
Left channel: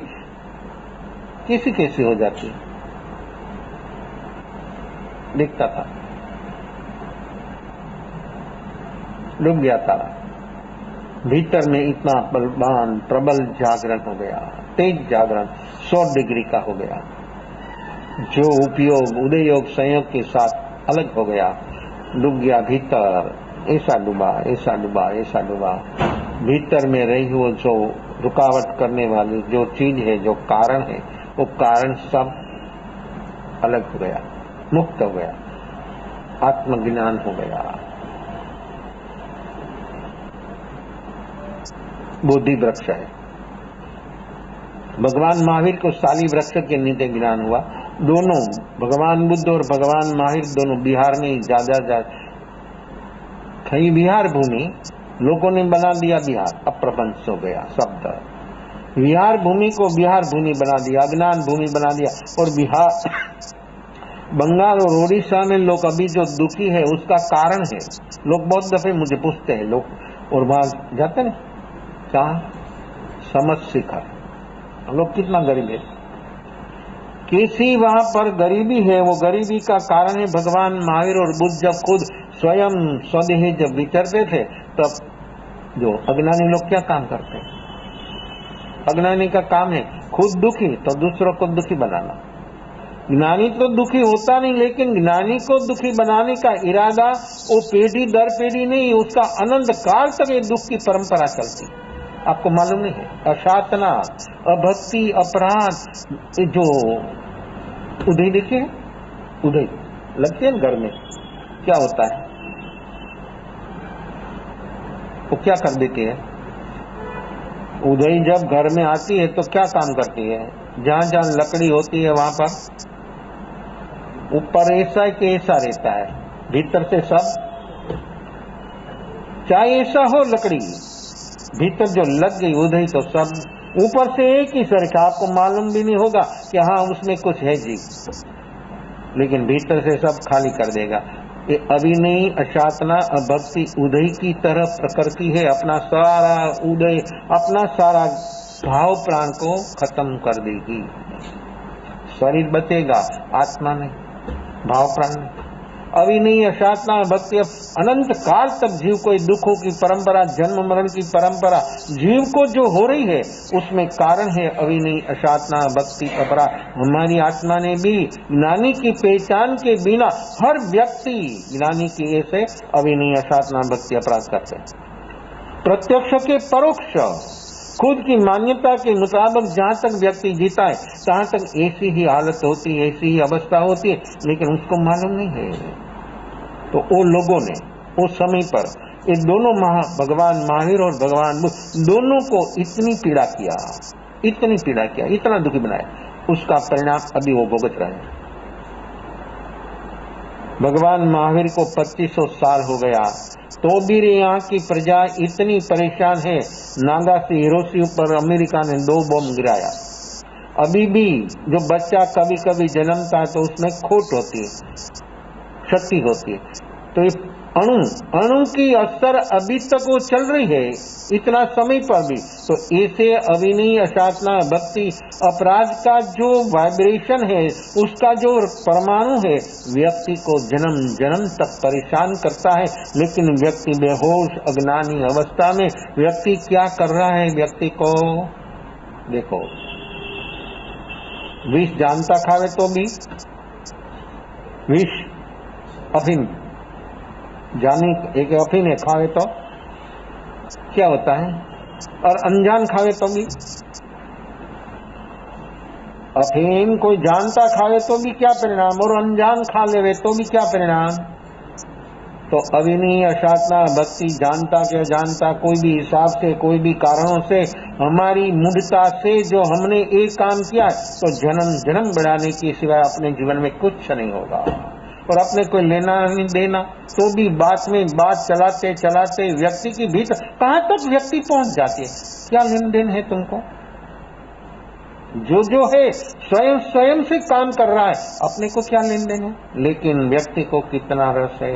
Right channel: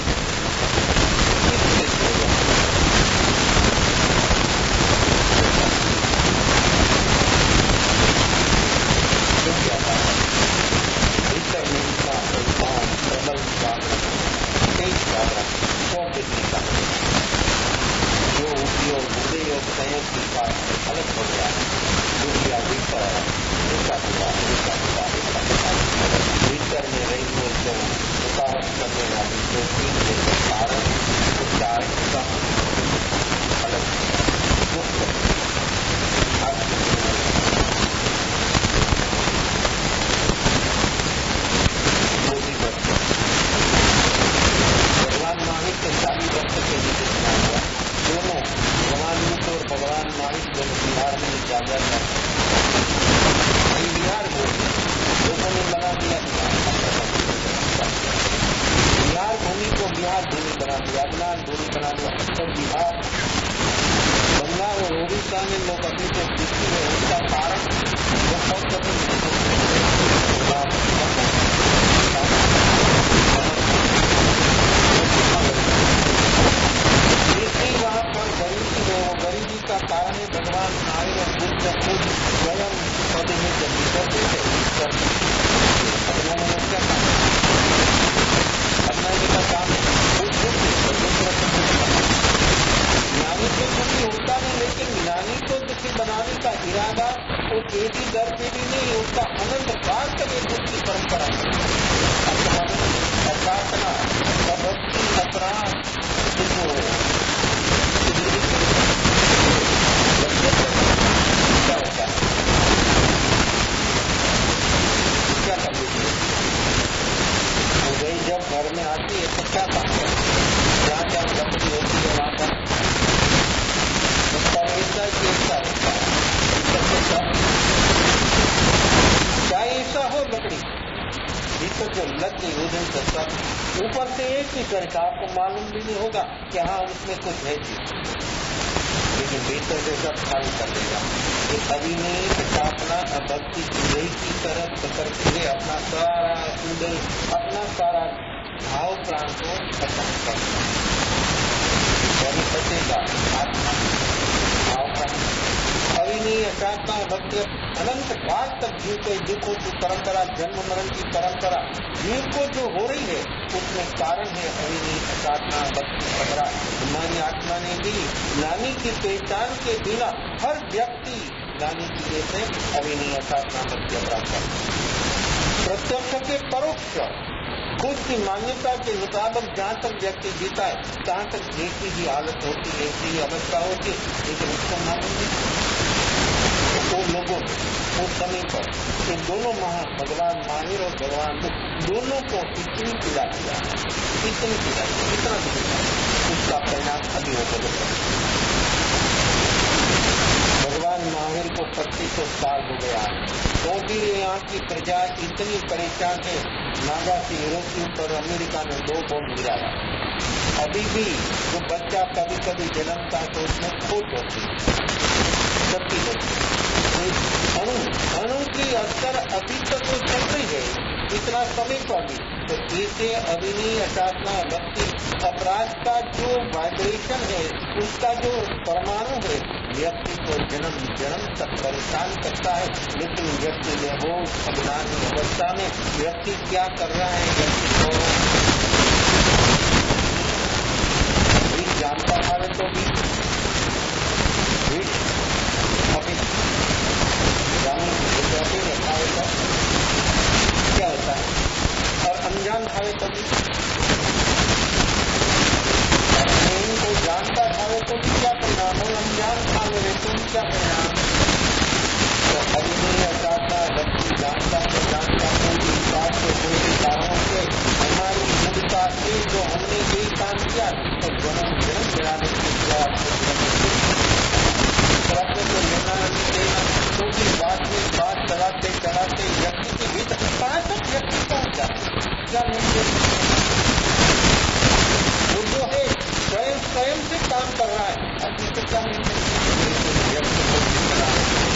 कैसी हो जाती है, दिखता था। डूब गया था। भीतर में इतना बलवान प्रबल जागरण हो गया, तेज जागरण 100 डिग्री का हो गया, जो उपयोग उदय योग संयोग के साथ अलग हो गया। डूब गया भीतर, ऐसा डूबा, ऐसा डूबा, ऐसा डूबा। भीतर में रही वो जो रुकावट करने वाली जो चीज है, जो कारण है, वो कारण सब अलग हो गया, मुक्त हो गया, आत्मज्ञान हो गया। बोधि वृक्ष, भगवान महावीर के शाली वृक्ष के नीचे ज्ञान हुआ। दोनों भगवान बुद्ध और भगवान महावीर दोनों बिहार में ही ज्यादा यही बिहार भूमि लोगों ने बना दिया। बिहार अप्रपंच हो गया सब तरह। बिहार भूमि को बिहार भूमि बना दिया, अज्ञान भूमि बना दिया। और बिहार, बंगाल और ओडिशा में लोग अभी जो दुखी है उसका कारण है। लोग बहुत दफे मुझे पूछते हैं, लोग और भाव जाते हैं कहाँ समझते हैं लोग कितना गरीब है। इसी वहां पर गरीबी है, वो गरीबी का कारण है भगवान महावीर और बुद्ध जब खुद स्वयं स्वदेही जब विचरते थे तब जो अज्ञानी लोग क्या काम करते? अज्ञानी का काम है खुद दुखी तो दूसरों को दुखी बनाना। ज्ञानी तो दुखी होता नहीं, लेकिन ज्ञानी को दुखी बनाने का इरादा वो पीढ़ी दर पीढ़ी नहीं, उसका अनंत काल तक ये दुख की परंपरा चलती है। आपको मालूम है, असाधना, अभक्ति, अपराध, ये जो उदय देखिए, उदय लगते हैं घर में क्या होता है, वो क्या कर देती है? उदय जब घर में आती है तो क्या काम करती है? जहां जहां लकड़ी होती है वहां पर ऊपर ऐसा है कि ऐसा रहता है, भीतर से सब चाहे ऐसा हो लकड़ी, भीतर जो लग गई उदय तो सब ऊपर से एक ही तरह का, आपको मालूम भी नहीं होगा कि हाँ उसमें कुछ है जीव, लेकिन भीतर से सब खाली कर देगा। ये अभिनय, अचातना, अभक्ति उदय की तरफ करती है। अपना सारा उदय, अपना सारा भाव प्राण को खत्म कर देगी। शरीर बचेगा, आत्मा भाव प्राण। अभिनय, अचातना, भक्ति अनंत काल तक जीव को दुखों की परंपरा, जन्म मरण की परंपरा जीव को जो हो रही है उसमें कारण है अभिनय, अचातना, भक्ति, अपराध। हमारी आत्मा ने भी ज्ञानी की पहचान के बिना हर व्यक्ति ज्ञानी की ऐसे अभिनय, अचातना, भक्ति, अपराध करते। प्रत्यक्ष के परोक्ष खुद की मान्यता के मुताबिक जहां तक व्यक्ति जीता है तहां तक ऐसी ही हालत होती है, ऐसी ही अवस्था होती है, लेकिन उसको मालूम नहीं हो। तो वो लोगों ने उस समय पर ये दोनों भगवान महावीर और भगवान बुद्ध दोनों को इतनी पीड़ा किया, इतनी पीड़ा किया, इतना दुखी बनाया। उसका परिणाम अभी वो भुगत रहे। भगवान महावीर को 2500 साल हो गया, तो भी यहाँ की प्रजा इतनी परेशान है। नागा से हिरोशिमा पर अमेरिका ने 2 बम गिराया। अभी भी जो बच्चा कभी कभी जन्मता है तो उसमें खोट होती है, क्षति होती है। तो इस अणु की असर अभी तक वो चल रही है, इतना समय पर भी। तो ऐसे अविनीय असाधना भक्ति अपराध का जो वाइब्रेशन है, उसका जो परमाणु है, व्यक्ति को जन्म जन्म तक परेशान करता है। लेकिन व्यक्ति बेहोश अज्ञानी अवस्था में व्यक्ति क्या कर रहा है? व्यक्ति को देखो, विष जानता खावे तो भी विष, अफीम जानी अफीम खावे तो क्या होता है, और अनजान खावे तो भी अफीम कोई जानता खावे तो भी क्या परिणाम, और अनजान खा लेवे तो भी क्या परिणाम। तो अविनीय असाधना भक्ति जानता के जानता कोई भी हिसाब से, कोई भी कारणों से, हमारी मूढ़ता से जो हमने एक काम किया, तो जन्म जन्म बढ़ाने के सिवाय अपने जीवन में कुछ नहीं होता है। और अपने को लेना नहीं देना, तो भी बात में बात चलाते चलाते व्यक्ति की भीतर कहाँ तक व्यक्ति पहुंच जाती है। क्या लेन देन है तुमका? जो है स्वयं स्वयं से काम कर रहा है, अपने को क्या लेन देन है। लेकिन व्यक्ति को कितना रस है,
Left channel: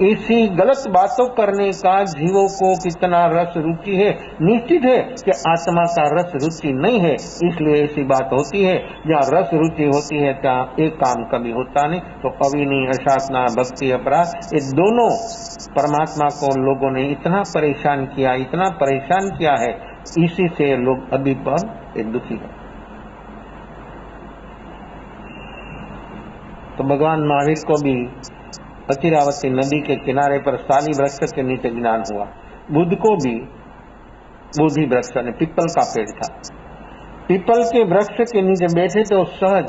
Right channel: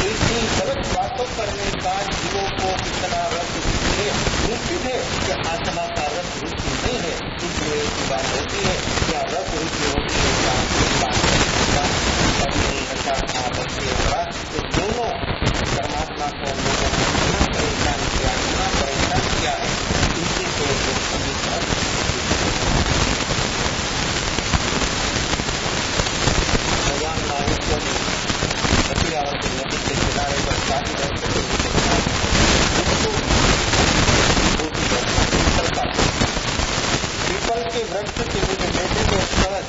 ऐसी गलत बातों करने का जीवों को कितना रस रुचि है। निश्चित है कि आत्मा का रस रुचि नहीं है, इसलिए ऐसी बात होती है। जहाँ रस रुचि होती है क्या एक काम कभी होता नहीं। तो अविनीय असाधना भक्ति अपराध, ये दोनों परमात्मा को लोगों ने इतना परेशान किया, इतना परेशान किया है, इसी से लोग अभी पर दुखी होते हैं। तो भगवान महावीर को भी अतिरावती नदी के किनारे पर साली वृक्ष के नीचे विनाश हुआ। बुद्ध को भी बोधि वृक्ष है, पीपल का पेड़ था, पीपल के वृक्ष के नीचे बैठे तो सहज।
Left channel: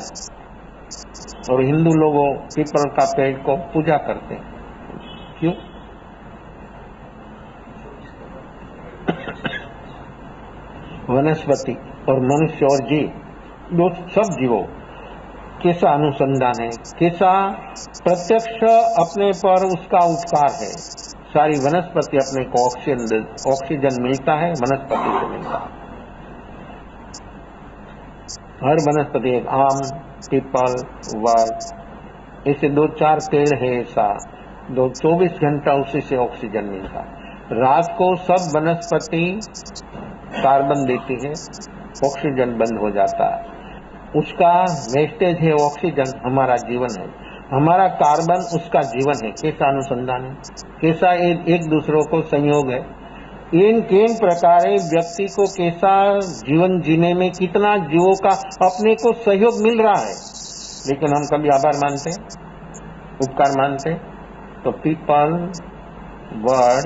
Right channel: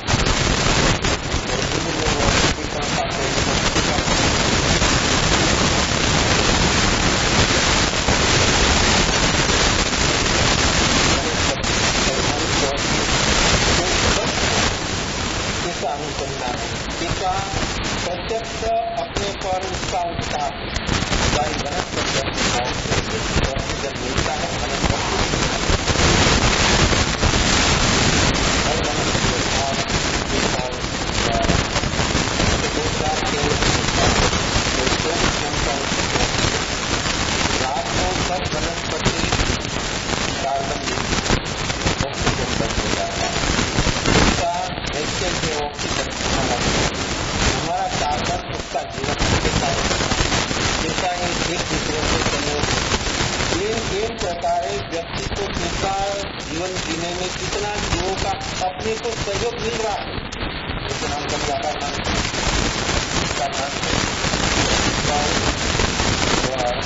और हिंदू लोगों पीपल का पेड़ को पूजा करते हैं। वनस्पति और मनुष्य और जीव, जो सब जीवों कैसा अनुसंधान है, कैसा प्रत्यक्ष अपने पर उसका उपकार है। सारी वनस्पति अपने को ऑक्सीजन मिलता है, वनस्पति को मिलता है। हर वनस्पति, आम, पीपल, वर, जैसे 2-4 पेड़ है, ऐसा 24 घंटा उसी से ऑक्सीजन मिलता है। रात को सब वनस्पति कार्बन देती है, ऑक्सीजन बंद हो जाता है। उसका वेस्टेज है ऑक्सीजन, हमारा जीवन है, हमारा कार्बन उसका जीवन है। कैसा अनुसंधान, कैसा एक दूसरों को संयोग है। इन प्रकार व्यक्ति को कैसा जीवन जीने में कितना जीवों का अपने को सहयोग मिल रहा है। लेकिन हम कभी आभार मानते, उपकार मानते। तो पीपल, वर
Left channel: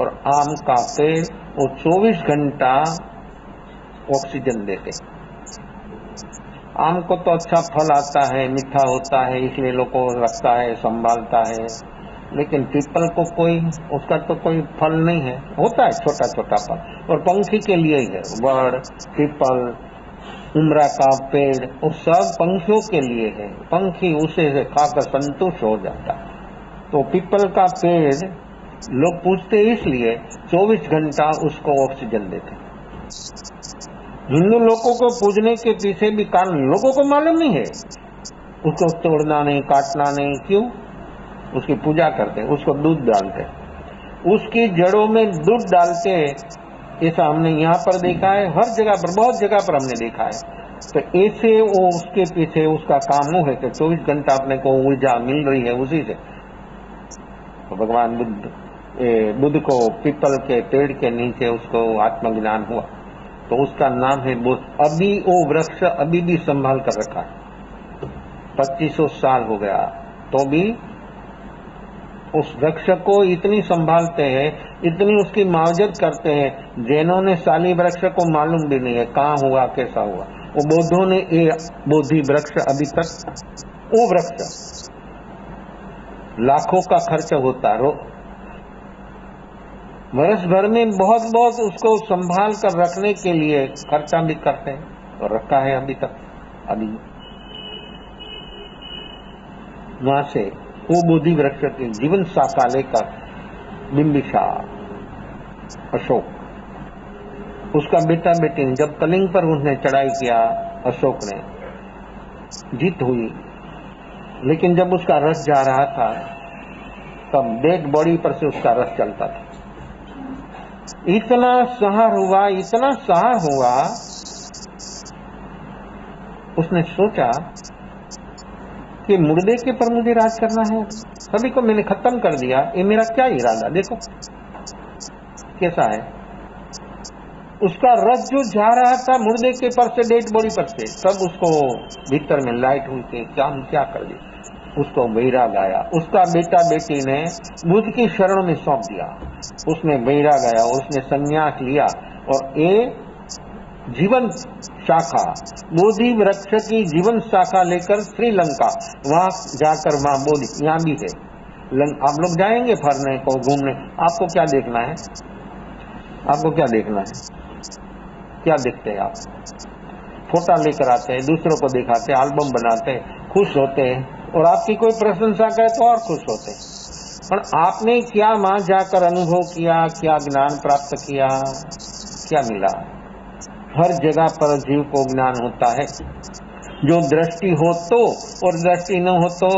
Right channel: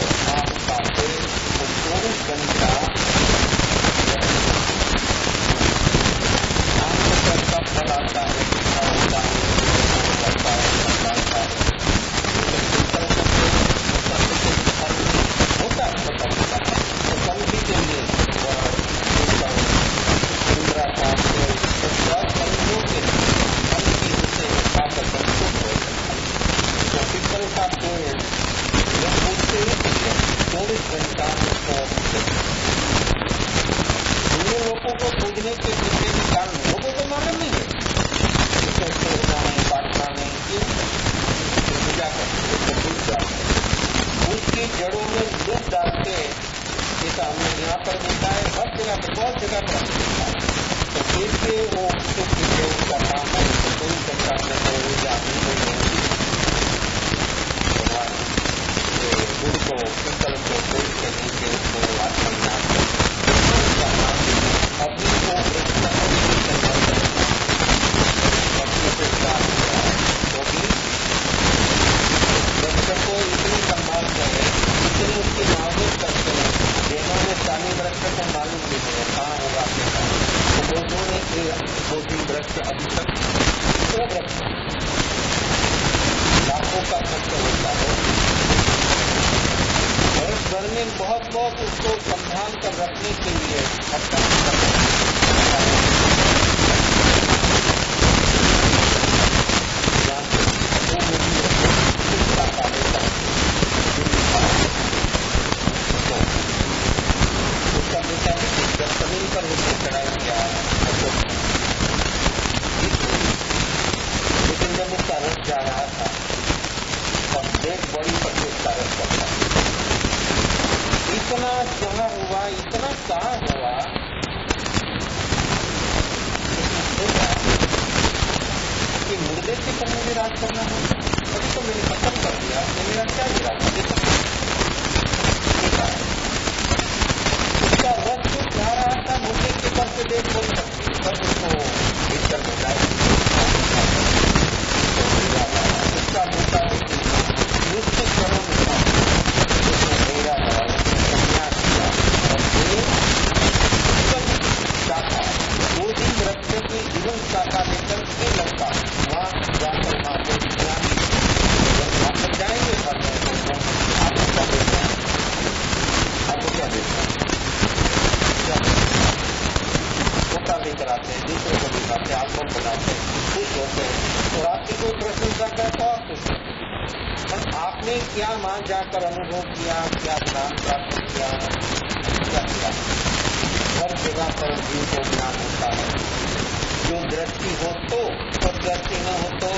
और आम का पेड़ वो 24 घंटा ऑक्सीजन देते। आम को तो अच्छा फल आता है, मीठा होता है, इसलिए लोगों को लगता है, संभालता है। लेकिन पीपल को कोई उसका तो कोई फल नहीं है, होता है छोटा छोटा फल, और पंखी के लिए ही है। वड़, पीपल, उमरा का पेड़, वो सब पंखियों के लिए है। पंखी उसे खाकर संतुष्ट हो जाता है। तो पीपल का पेड़ लोग पूछते इसलिए 24 घंटा उसको ऑक्सीजन देते। हिंदू लोगों को पूजने के पीछे भी कारण लोगों को मालूम नहीं है। उसको तोड़ना नहीं, काटना नहीं, क्यों? उसकी पूजा करते, उसको दूध डालते, उसकी जड़ों में दूध डालते। ऐसा हमने यहाँ पर देखा है, हर जगह पर, बहुत जगह पर हमने देखा है। तो ऐसे वो उसके पीछे उसका काम वो है। तो 24 घंटा अपने को ऊर्जा मिल रही है उसी को। तो भगवान बुद्ध को पीपल के पेड़ के नीचे उसको आत्मज्ञान हो, तो उसका नाम है बुद्ध। अभी वो वृक्ष अभी भी संभाल कर रखा है, 2500 साल हो गया है, तो भी उस वृक्ष को इतनी संभालते हैं, इतनी उसकी मावजत करते हैं। जैनों ने साली वृक्ष को मालूम भी नहीं है कहाँ हुआ, कैसा हुआ। तो बौद्धों ने ये बोधि वृक्ष अभी तक, वो वृक्ष लाखों का खर्च होता है, वर्ष भर में बहुत बहुत उसको संभाल कर रखने के लिए खर्चा भी करते हैं, रखा है अभी तक। वहां से वो बोधि वृक्ष की जीवन शाखा लेकर दिल्ली का अशोक, उसका बेटा बेटी जब कलिंग पर उसने चढ़ाई किया, अशोक ने जीत हुई, लेकिन जब उसका रथ जा रहा था तब डेड बॉडी पर से उसका रथ चलता था। इतना सहर हुआ, इतना सहर हुआ, उसने सोचा कि मुर्दे के पर मुझे राज करना है, तभी तो मैंने खत्म कर दिया, ये मेरा क्या इरादा, देखो कैसा है। उसका रथ जो जा रहा था मुर्दे के पर से डेड बॉडी तक से, तब उसको भीतर में लाइट हुई, क्या करें, उसको बैराग आया। उसका बेटा बेटी ने उसकी शरण में सौंप दिया, उसने बैराग आया, उसने संन्यास लिया और ये जीवन शाखा, बोधि वृक्ष की जीवन शाखा लेकर श्रीलंका, वहां जाकर वहां बोधि यहां भी है। आप लोग जाएंगे फरने को, घूमने, आपको क्या देखना है, आपको क्या देखना है, क्या देखते हैं आप? फोटा लेकर आते हैं, दूसरों को दिखाते हैं, एल्बम बनाते हैं, खुश होते हैं, और आपकी कोई प्रशंसा करे तो और खुश होते हैं। पर आपने क्या वहां जाकर अनुभव किया, क्या ज्ञान प्राप्त किया, क्या मिला? हर जगह पर जीव को ज्ञान होता है, जो दृष्टि हो तो और दृष्टि न हो तो,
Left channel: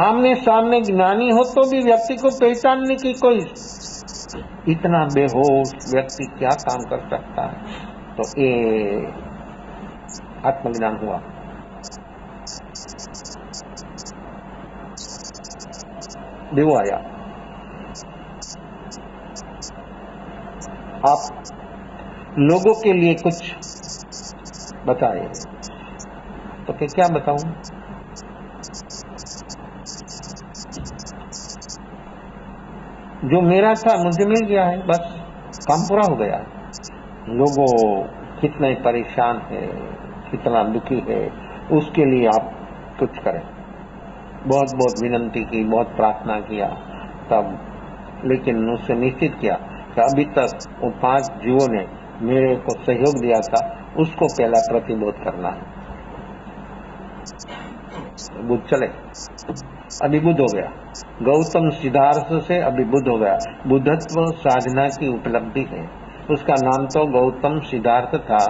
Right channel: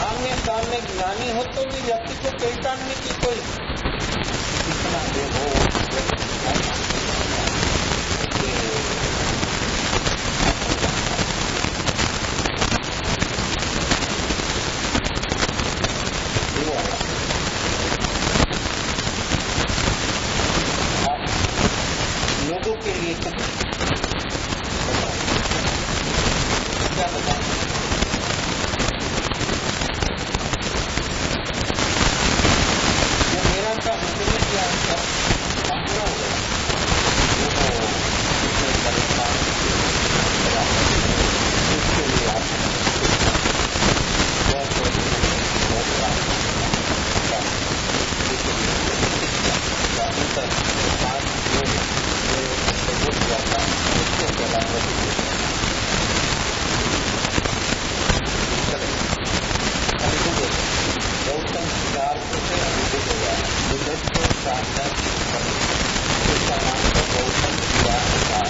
आमने सामने ज्ञानी हो तो भी व्यक्ति को पहचानने की कोई, इतना बेहोश व्यक्ति क्या काम कर सकता है? तो ये आत्मज्ञान हुआ। देव आया, आप लोगों के लिए कुछ बताए, तो क्या बताऊं? जो मेरा था मुझे मिल गया है, बस काम पूरा हो गया। लोगों कितने परेशान है, कितना दुखी है, उसके लिए आप कुछ करें। बहुत बहुत विनंती की, बहुत प्रार्थना किया तब, लेकिन मुझसे निश्चित किया तो अभी तक वो 5 जीवों ने मेरे को सहयोग दिया था, उसको पहला प्रतिबोध करना। बुद्ध चले, अभी बुद्ध हो गया, गौतम सिद्धार्थ से अभी बुद्ध हो गया। बुद्धत्व साधना की उपलब्धि है, उसका नाम तो गौतम सिद्धार्थ था,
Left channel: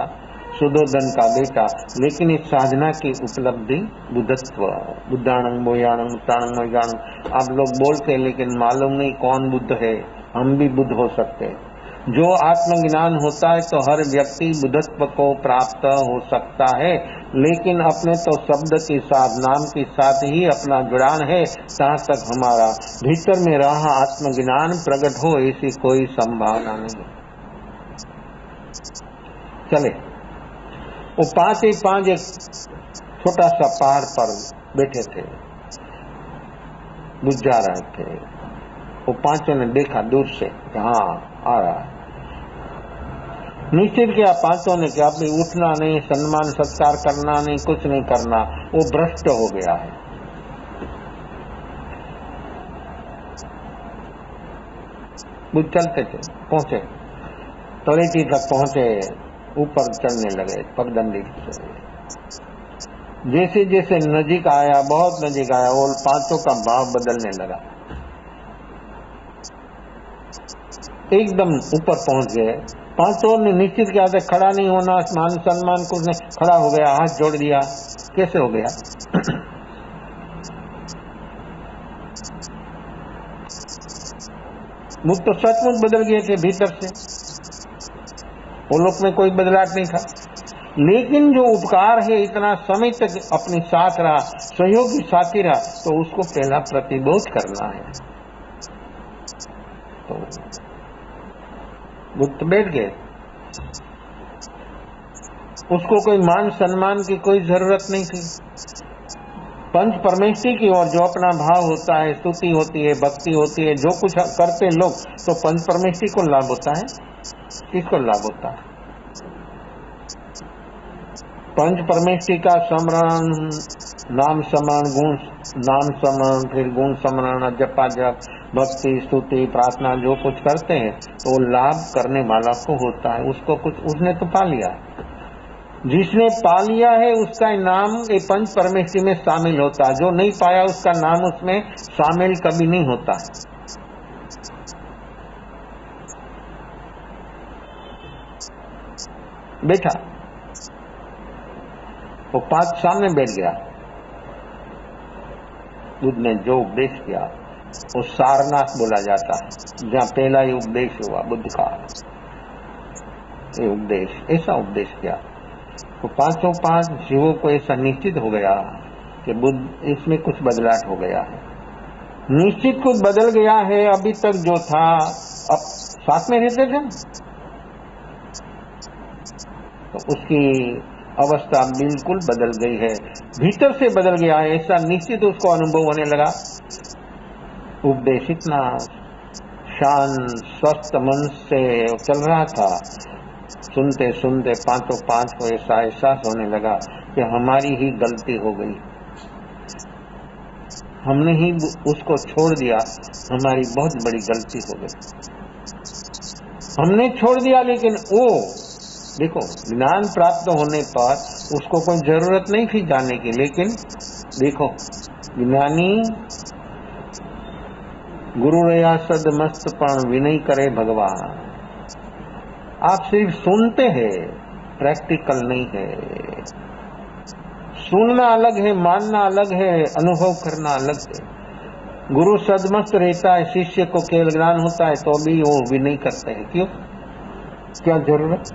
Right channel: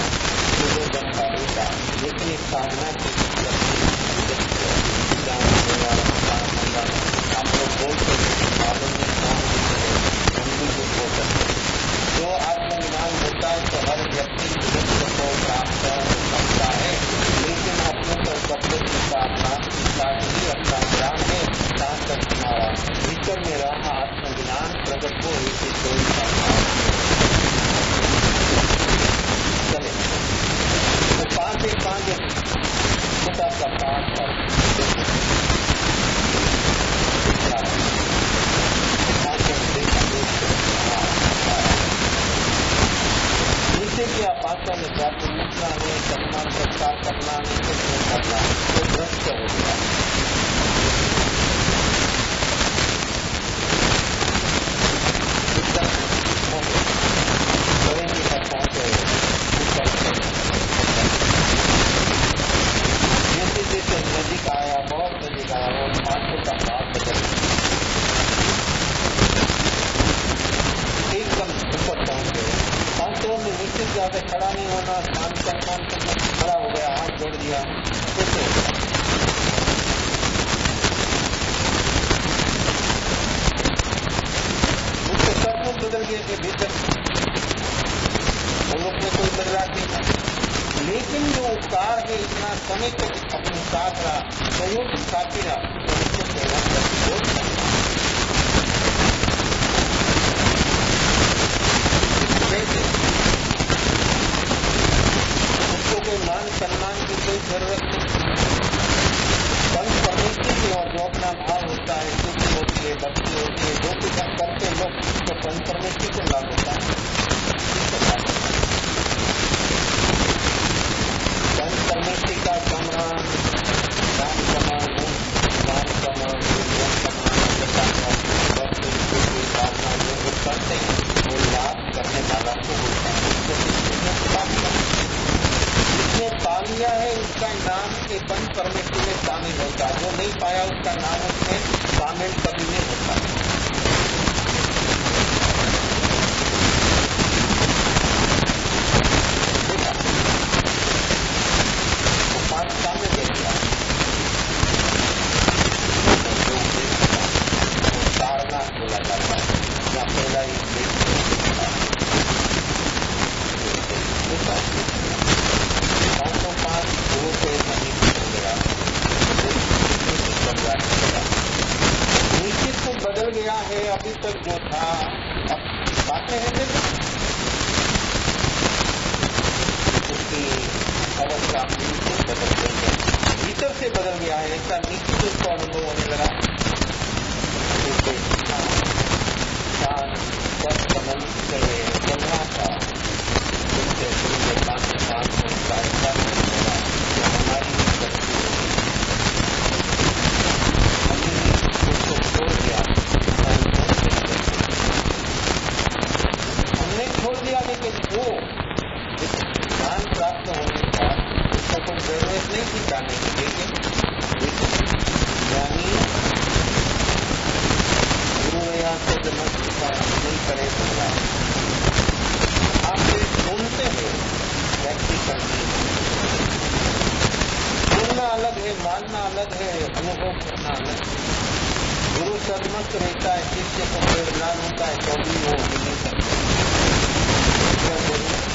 सुदोधन का बेटा, लेकिन इस साधना की उपलब्धि बुद्धत्व। बुद्धाणम बोयाणम प्राणम न जानम, आप लोग बोलते हैं लेकिन मालूम नहीं कौन बुद्ध है, हम भी बुद्ध हो सकते हैं। जो आत्मज्ञान होता है तो हर व्यक्ति बुद्धत्व को प्राप्त हो सकता है, लेकिन अपने तो शब्द के साथ, नाम के साथ ही अपना ज्ञान है, जहाँ तक हमारा भीतर में रहा आत्मज्ञान प्रकट हो, ऐसी कोई संभावना नहीं। चले, वो 5 एक छोटा सा पहाड़ पर बैठे थे, दिख जा रहे थे। वो 5 ने देखा दूर से, हाँ आ रहा है। नीचे किया 5 ने क्या, अपनी उठना नहीं, सम्मान सत्कार करना नहीं, कुछ नहीं करना, वो भ्रष्ट हो गया। चलते थे, पहुंचे, तलेटी तक पहुंचे, ऊपर चलने लगे पगडंडी। जैसे जैसे नजीक आया, बहुत नजीक आया, वो 5 का भाव बदलने लगा। एकदम ऊपर पहुंच गए, 5 ने निश्चित किया था खड़ा नहीं होना, मान सम्मान कुछ न, खड़ा हो गया, हाथ जोड़ दिया। कैसे हो गया? मुझ तो सचमुच बदल गए थे भीतर से, वो लोग में कोई बदलाव नहीं था, लेकिन जो उपकार है इतना समय तक अपने साथ रहा, सहयोगी साथी रहा, तो उसको पहला प्रतिबोध करना है। बैठ गए, उसको कोई मान सम्मान की कोई जरूरत नहीं थी। पंच परमेश्वरी की ओर जो अपना भाव होता है, स्तुति होती है, भक्ति होती है, जो कुछ करते लोग, तो पंच परमेश्वरी को लाभ होता है, किसको लाभ होता है? पंच परमेश्वरी का स्मरण, नाम स्मरण, गुण नाम स्मरण, फिर गुण स्मरण, जपा जप, भक्ति स्तुति प्रार्थना जो कुछ करते हैं, तो लाभ करने वाला को होता है, उसको कुछ उसने तो पा लिया। जिसने पा लिया है उसका नाम ये पंच परमेष्टि में शामिल होता, जो नहीं पाया उसका नाम उसमें शामिल कभी नहीं होता। बैठा, वो 5 सामने बैठ गया, उसने जो उपदेश किया वो सारनाथ बोला जाता है, जहां पहला ही उपदेश हुआ बुद्ध का उपदेश, ऐसा उपदेश किया। 505 जीवों को ऐसा निश्चित हो गया कि बुद्ध इसमें कुछ बदलाव हो गया, निश्चित कुछ बदल गया है। अभी तक जो था, अब साथ में रहते थे, उसकी अवस्था बिल्कुल बदल गई है, भीतर से बदल गया है, ऐसा निश्चित उसको अनुभव होने लगा। उपदेश इतना शांत स्वस्थ मन से चल रहा था, सुनते सुनते 505 को ऐसा एहसास होने लगा कि हमारी ही गलती हो गई, हमने ही उसको छोड़ दिया, हमारी बहुत बड़ी गलती हो गई, हमने छोड़ दिया। लेकिन वो देखो, ज्ञान प्राप्त होने पर उसको कोई जरूरत नहीं थी जाने की, लेकिन देखो ज्ञानी गुरु रया सदमस्त पण विनय करे भगवान। आप सिर्फ सुनते हैं, प्रैक्टिकल नहीं है। सुनना अलग है, मानना अलग है, अनुभव करना अलग है। गुरु सदमस्त रहता है, शिष्य को केवल ज्ञान होता है तो भी वो विनय करते हैं। क्यों? क्या जरूरत?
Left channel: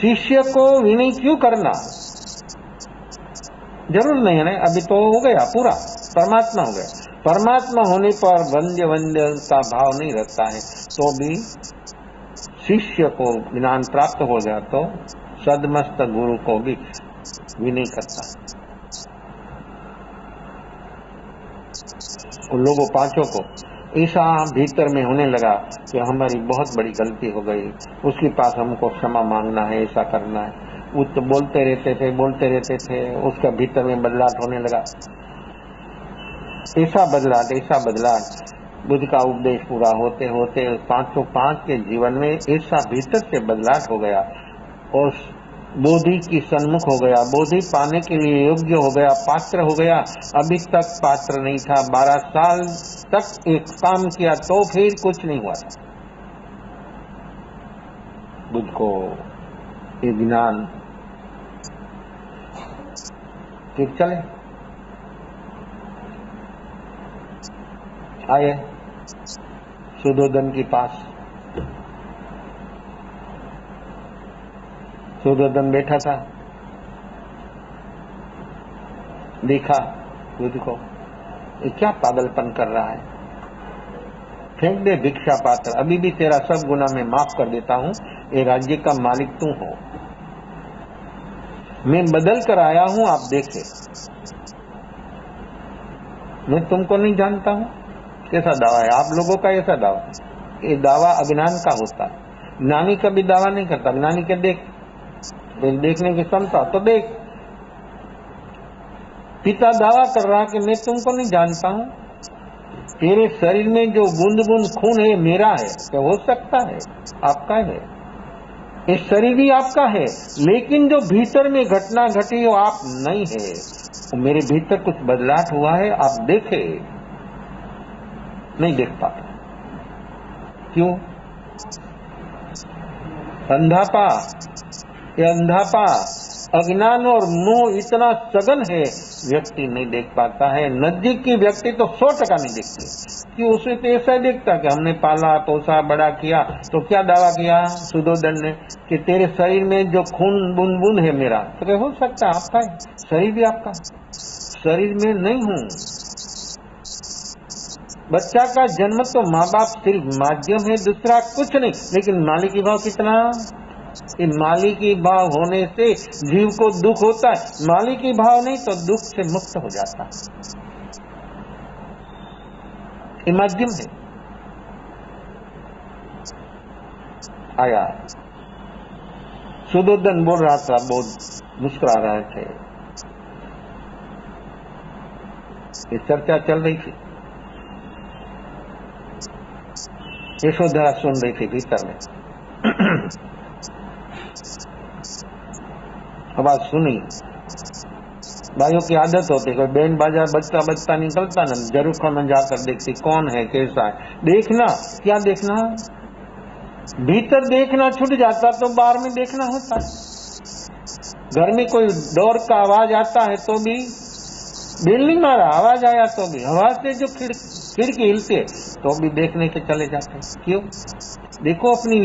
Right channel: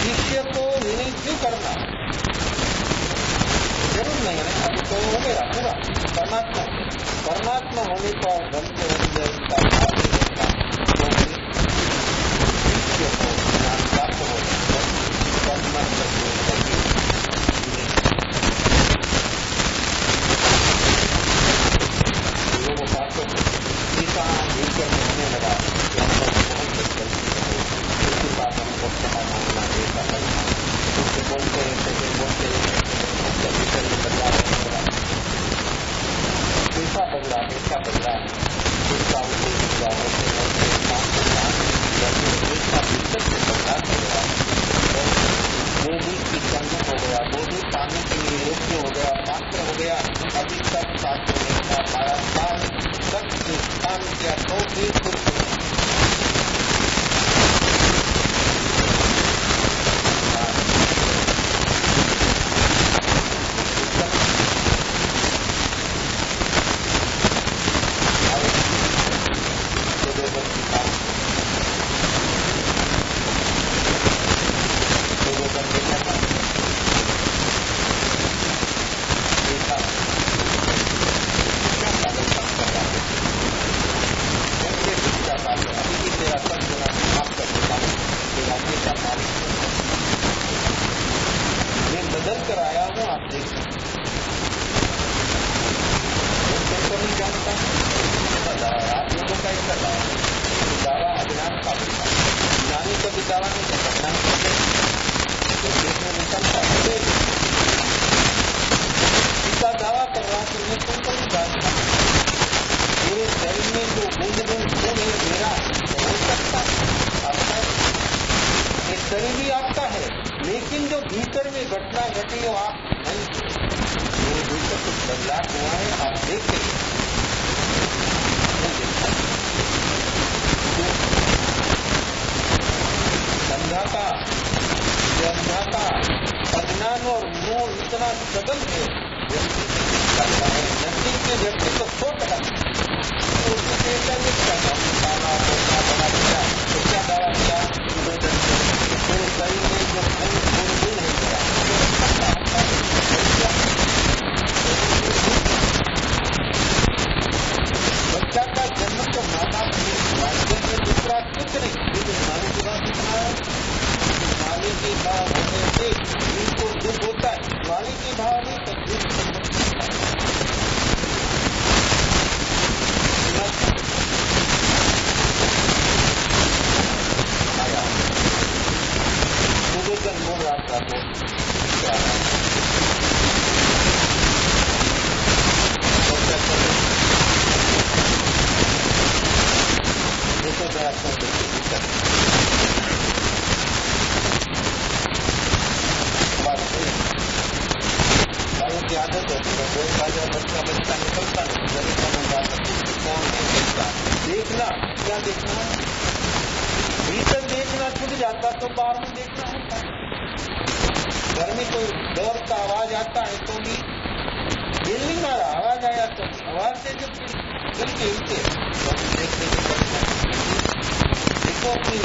शिष्य को विनय क्यों करना? जरूर नहीं है ना, अभी तो हो गया पूरा, परमात्मा हो गया। परमात्मा होने पर वंद्य वंद्य का भाव नहीं रहता है, तो भी शिष्य को ज्ञान प्राप्त हो जाए तो सदमस्त गुरु को भी विनय करता है। उन लोगों 5 को ऐसा भीतर में होने लगा कि हमारी बहुत बड़ी गलती हो गई, उसके पास हमको क्षमा मांगना है, ऐसा करना है। उससे बोलते रहते थे, उसका भीतर में बदलाव होने लगा, ऐसा बदला। बुद्ध का उपदेश पूरा होते होते 505 के जीवन में ऐसा भीतर से बदलाव हो गया और बोधि की सन्मुख हो गया, बोधि पाने के लिए योग्य हो गया, पात्र हो गया। अभी तक पात्र नहीं था, 12 साल तक एक काम किया तो फिर कुछ नहीं हुआ। बुद्ध को ज्ञान चल आए सुदोधन के पास। सुदोधन बैठा था, देखा बुद्ध को, क्या पागलपन कर रहा है, फेंक दे भिक्षा पात्र, अभी भी तेरा सब गुना मैं माफ कर देता हूं, ये राज्य का मालिक तू है, मैं बदल कर आया हूं, आप देखो, मैं तुमको नहीं जानता हूं। ऐसा दावा है आप लोगों का, ऐसा दावा, ये दावा अज्ञान का होता है। ज्ञानी कभी दावा नहीं करता, ज्ञानी के देखने की क्षमता तो देख। पिता दावा कर रहा कि मैं तुमको नहीं जानता हूं, तेरे शरीर में जो बूंद बूंद खून है मेरा है, तो हो सकता है आपका है, ये शरीर भी आपका है, लेकिन जो भीतर में घटना घटी वो आप नहीं है। मेरे भीतर कुछ बदलाव हुआ है, आप देखे, नहीं देखता। क्यों? अंधापा, ये अंधापा, अज्ञान और मोह इतना सघन है, व्यक्ति नहीं देख पाता है। नजदीक की व्यक्ति तो 100% नहीं देखता, कि उसे तो ऐसा देखता कि हमने पाला पोसा बड़ा किया, तो क्या दावा किया सुदोधन ने कि तेरे शरीर में जो खून बूंद बूंद है मेरा, अरे हो सकता है आपका शरीर भी आपका, शरीर में नहीं है। बच्चा का जन्म तो माँ बाप सिर्फ माध्यम है, दूसरा कुछ नहीं, लेकिन मालिकी भाव कितना, कि मालिकी भाव होने से जीव को दुख होता है, मालिकी भाव नहीं तो दुख से मुक्त हो जाता है। ये माध्यम आया। सुदोधन बोल रहा था, बहुत विकरा रहा है, चर्चा चल रही, यशोधरा सुन रही थी भीतर। आवाज सुनी। भाइयों की आदत होती है, बैंड बाजा बजता बजता निकलता ना, जरूर समझ जाकर देखती कौन है कैसा है। देखना, क्या देखना, भीतर देखना छूट जाता तो बाहर में देखना होता है। घर में कोई डोर का आवाज आता है तो भी, बिल नहीं मारा आवाज आया तो भी, आवाज से जो खिड़की हिलते तो भी देखने से चले जाते। क्यों? देखो अपनी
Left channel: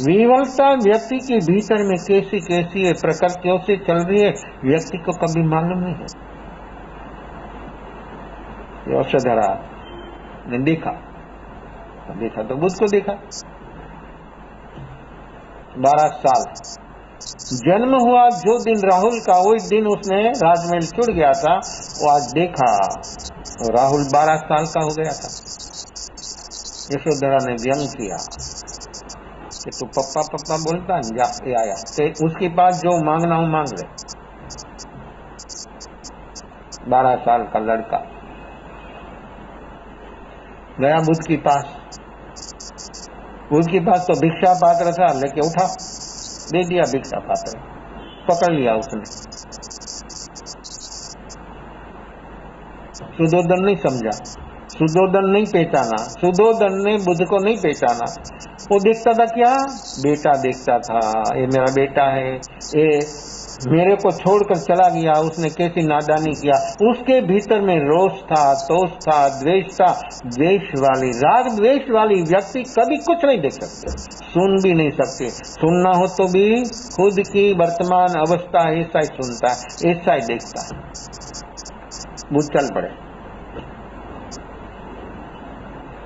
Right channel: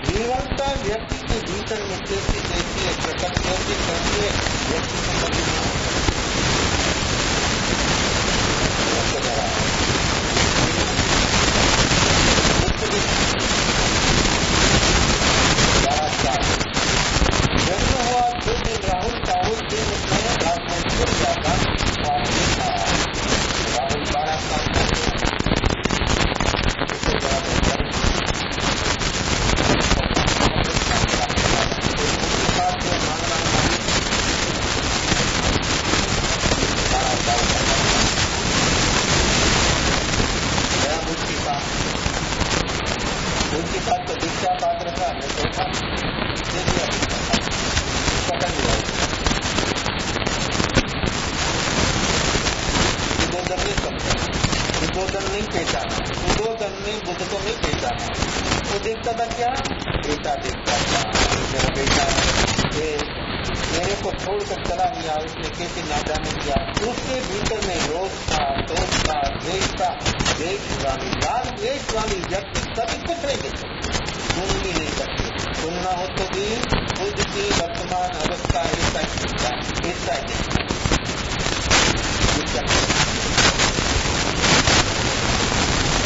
विवलता व्यक्ति के भीतर में कैसी कैसी है, प्रकृतियों से चल रही है, व्यक्ति को कभी मालूम नहीं। औषधरा देखा, तो बुद्ध को देखा। 12 साल जन्म हुआ जो दिन राहुल का, उस दिन उसने राजमहल छुड़ गया था। वो आज देखा तो राहुल 12 साल का हो गया था। यशोधरा ने व्यंग किया, पप्पा पप्पा बोलता है, आपसे आया तो उसके बाद जो मांगना हो मांग लो। 12 साल का लड़का गया बुद्ध के पास। बुद्ध के पास तो भिक्षा पात्र था, लेके उठा, दे दिया भिक्षा पात्र, पकड़ लिया उसने। सुदोधन नहीं समझा, सुदोधन नहीं पहचाना, सुदोधन ने बुद्ध को नहीं पहचाना। वो देखता था क्या? बेटा देखता था, ये मेरा बेटा है, ये मेरे को छोड़कर चला गया। उसने कैसी नादानी किया। उसके भीतर में रोष था, तोष था, द्वेष था। द्वेष वाली, राग द्वेष वाली व्यक्ति कभी कुछ नहीं देख सकते, सुन भी नहीं सकते। सुनना हो तो भी खुद की वर्तमान अवस्था ऐसा ही सुनता है, ऐसा ही देखता है। बुद्ध चल पड़े।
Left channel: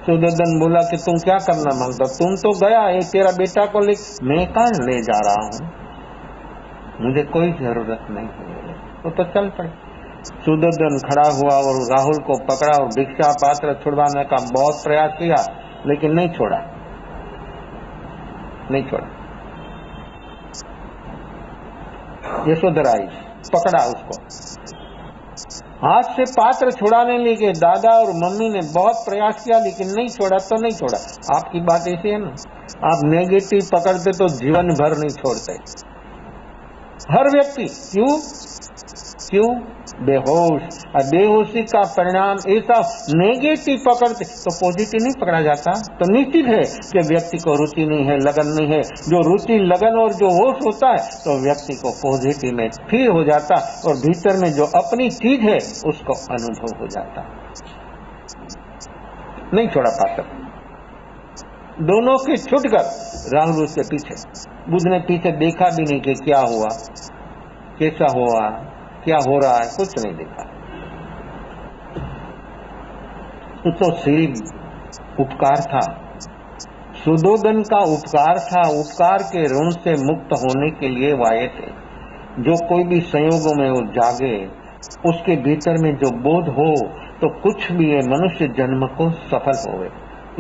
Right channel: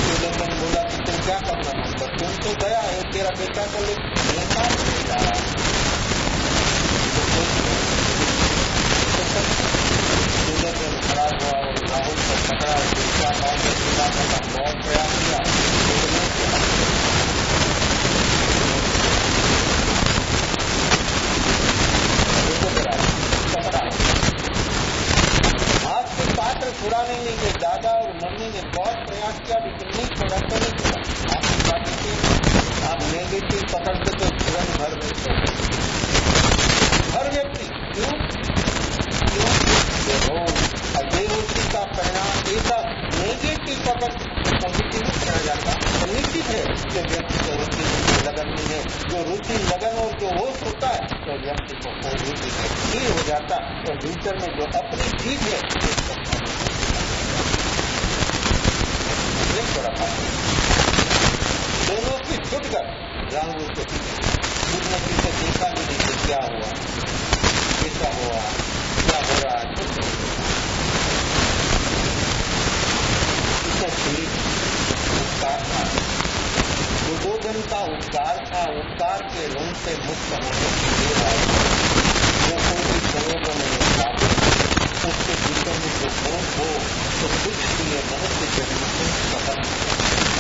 सुदोधन बोला कि तुम क्या करना मांगता? तुम तो गया है, तेरा बेटा को ले, मैं कहां ले जा रहा हूं, मुझे कोई जरूरत नहीं। तो चल पड़ा। सुदोधन खड़ा हुआ और राहुल को पकड़ा और भिक्षा पात्र छुड़वाने का बहुत प्रयास किया, लेकिन नहीं छोड़ा, नहीं छोड़ा। यशोधरा आई, पकड़ा उसको, हाथ से पात्र छुड़ाने लगे। दादा और मम्मी ने बहुत प्रयास किया, लेकिन नहीं छोड़ा तो नहीं छोड़ा। आपकी बात ऐसी है ना, आप नेगेटिव पकड़ते तो जीवन भर नहीं छोड़ते। हर व्यक्ति क्यों बेहोश, और बेहोशी का परिणाम ऐसा नेगेटिव पकड़ते तो पॉजिटिव नहीं पकड़ा जाता। तो निश्चित है कि व्यक्ति को रुचि नहीं है, लगन नहीं है। जो रुचि, लगन और जो होश होता है तो व्यक्ति को पॉजिटिव में स्थिर हो जाता, और भीतर में जो अपनी चीज है उसको अनुभव हो जाता। नहीं छोड़ा पाता, दोनों की छुटकर राहुल उसके पीछे। बुद्ध ने पीछे देखा भी नहीं कि क्या हुआ, कैसा हुआ, क्या हो रहा है, कुछ नहीं देखा। तो सीध उपकार था, सुदोधन का उपकार था। उपकार के ऋण से मुक्त होने के लिए वाये जो कोई भी संयोगों में वो जागे, उसके भीतर में जो बोध हो तो कुछ भी ये मनुष्य जन्म को सफल हो।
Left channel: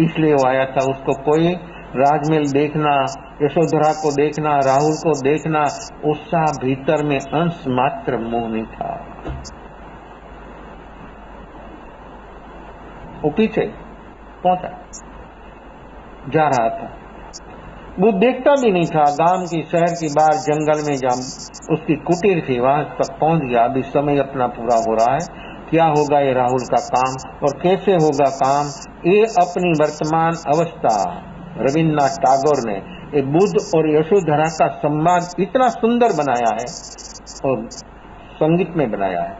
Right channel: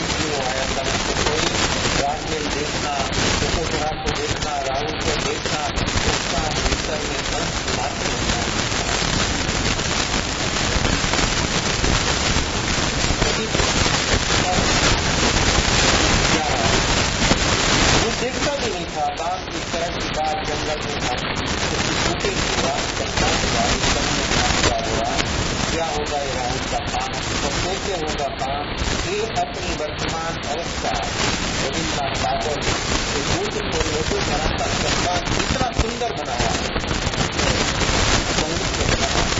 इसलिए वो आया था। उसको कोई राजमहल देखना, यशोधरा को देखना, राहुल को देखना, उसका भीतर में अंश मात्र मोह नहीं था। वो पीछे कौन जा रहा है, वो देखता भी नहीं था। गांव की, शहर की, बाहर जंगल में जम उसकी कुटीर थी, वहां तक पहुंच गया। अभी समय अपना पूरा हो रहा है। क्या होगा ये राहुल का काम और कैसे होगा काम, ये अपनी वर्तमान अवस्था रविन्द्रनाथ टैगोर ने एक बुद्ध और यशोधरा का संवाद इतना सुंदर बनाया है और संगीत में बनाया है।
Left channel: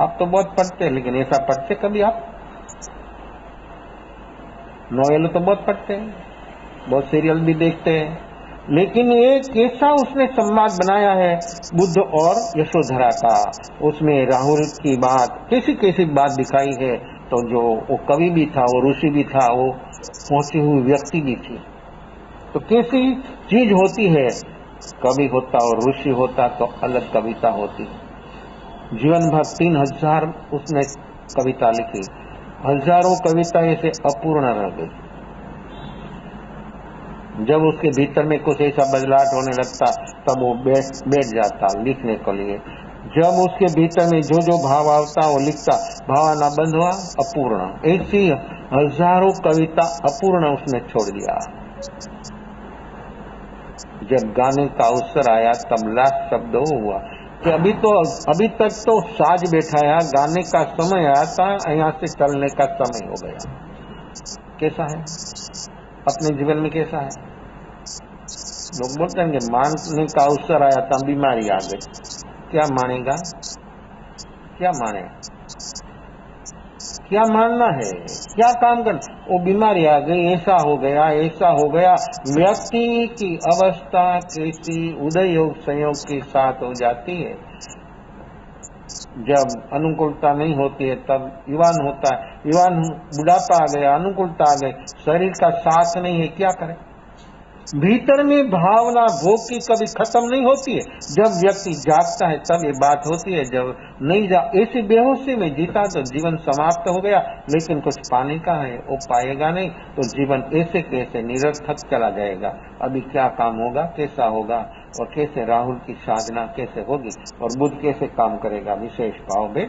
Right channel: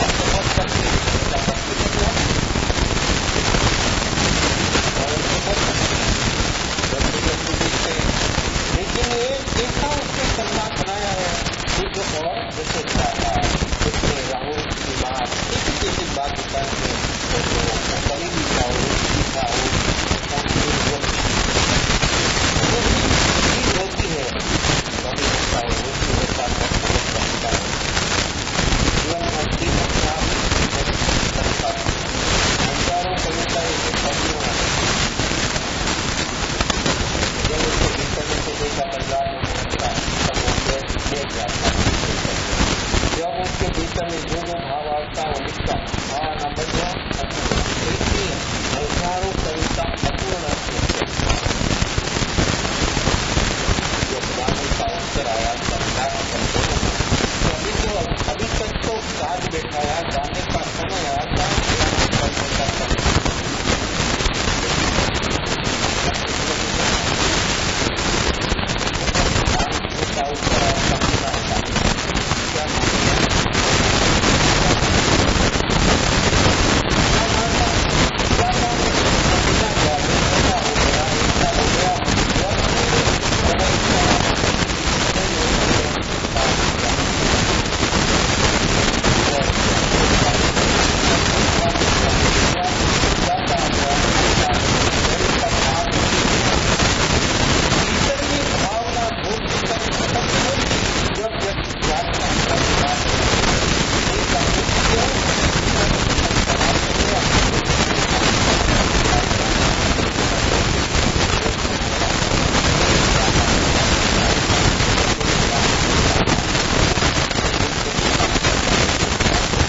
आप तो बहुत पढ़ते हैं, लेकिन ऐसा पढ़ते कभी आप? नॉवेल तो बहुत पढ़ते हैं, बहुत सीरियल भी देखते हैं, लेकिन ये कैसा उसने संवाद बनाया है बुद्ध और यशोधरा का। उसमें राहुल की बात, कैसी कैसी बात दिखाई है। तो जो वो कवि भी था, वो ऋषि भी था, वो पहुंची हुई व्यक्ति भी थी। तो कैसी चीज होती है, कवि होता और ऋषि होता तो अलग कविता होती। जीवन भर 3000 उसने कविता लिखी, हजारों कविता ऐसे अपूर्ण रहती। जब उसके भीतर में कुछ ऐसा बदलाव होने लगता तब वो बैठ जाता लिखने के लिए। जब उसके भीतर में जो जो भाव आता वो लिखता, भावना बंद हुआ, अपूर्ण। ऐसी हजारों कविता अपूर्ण उसने छोड़ दिया। जब गाने का अवसर आया तब लास्ट शब्द हुआ कि अभी तक तो साज बैठाया, गाने का समय आया था, यहाँ से चलने का समय। कैसा है अपने जीवन में? कैसा है? लोग बोलते हैं मानने का अवसर आया था, बीमारी आ गई, क्या मानेगा? क्या मानेगा? क्या मानना है? क्या काम कर? तो बीमारी आ गई, ऐसा हो गया, ऐसा हो गया। व्यक्ति की अवस्था की उदय योग संयोग के साथ हो जाती है। जब अनुकूलता नहीं होती है तब युवान होता है, युवान बुढ़ापा आ गया, अनुकूलता आ गई, शरीर का साथ नहीं है, क्या करता? भीतर में भावना भोग की कभी खत्म नहीं होती है। जब व्यक्ति जागता है तब ये बात होती है, जब नहीं जा ऐसी बेहोशी में जीता तो जीवन समाप्त हो गया, लेकिन कुछ पानी का है तो पाएगा नहीं, तो जीवन ऐसे कैसे निरर्थक चला जाएगा। अभी क्या काम होगा, कैसा होगा, और कैसे राहु की साधना कैसे हो और बुद्ध कैसे काम करेगा, इसे उत्साह हो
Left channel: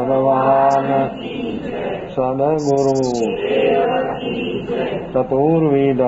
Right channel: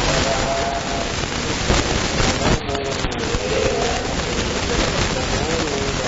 भगवान सदगुरु चतुर्वेद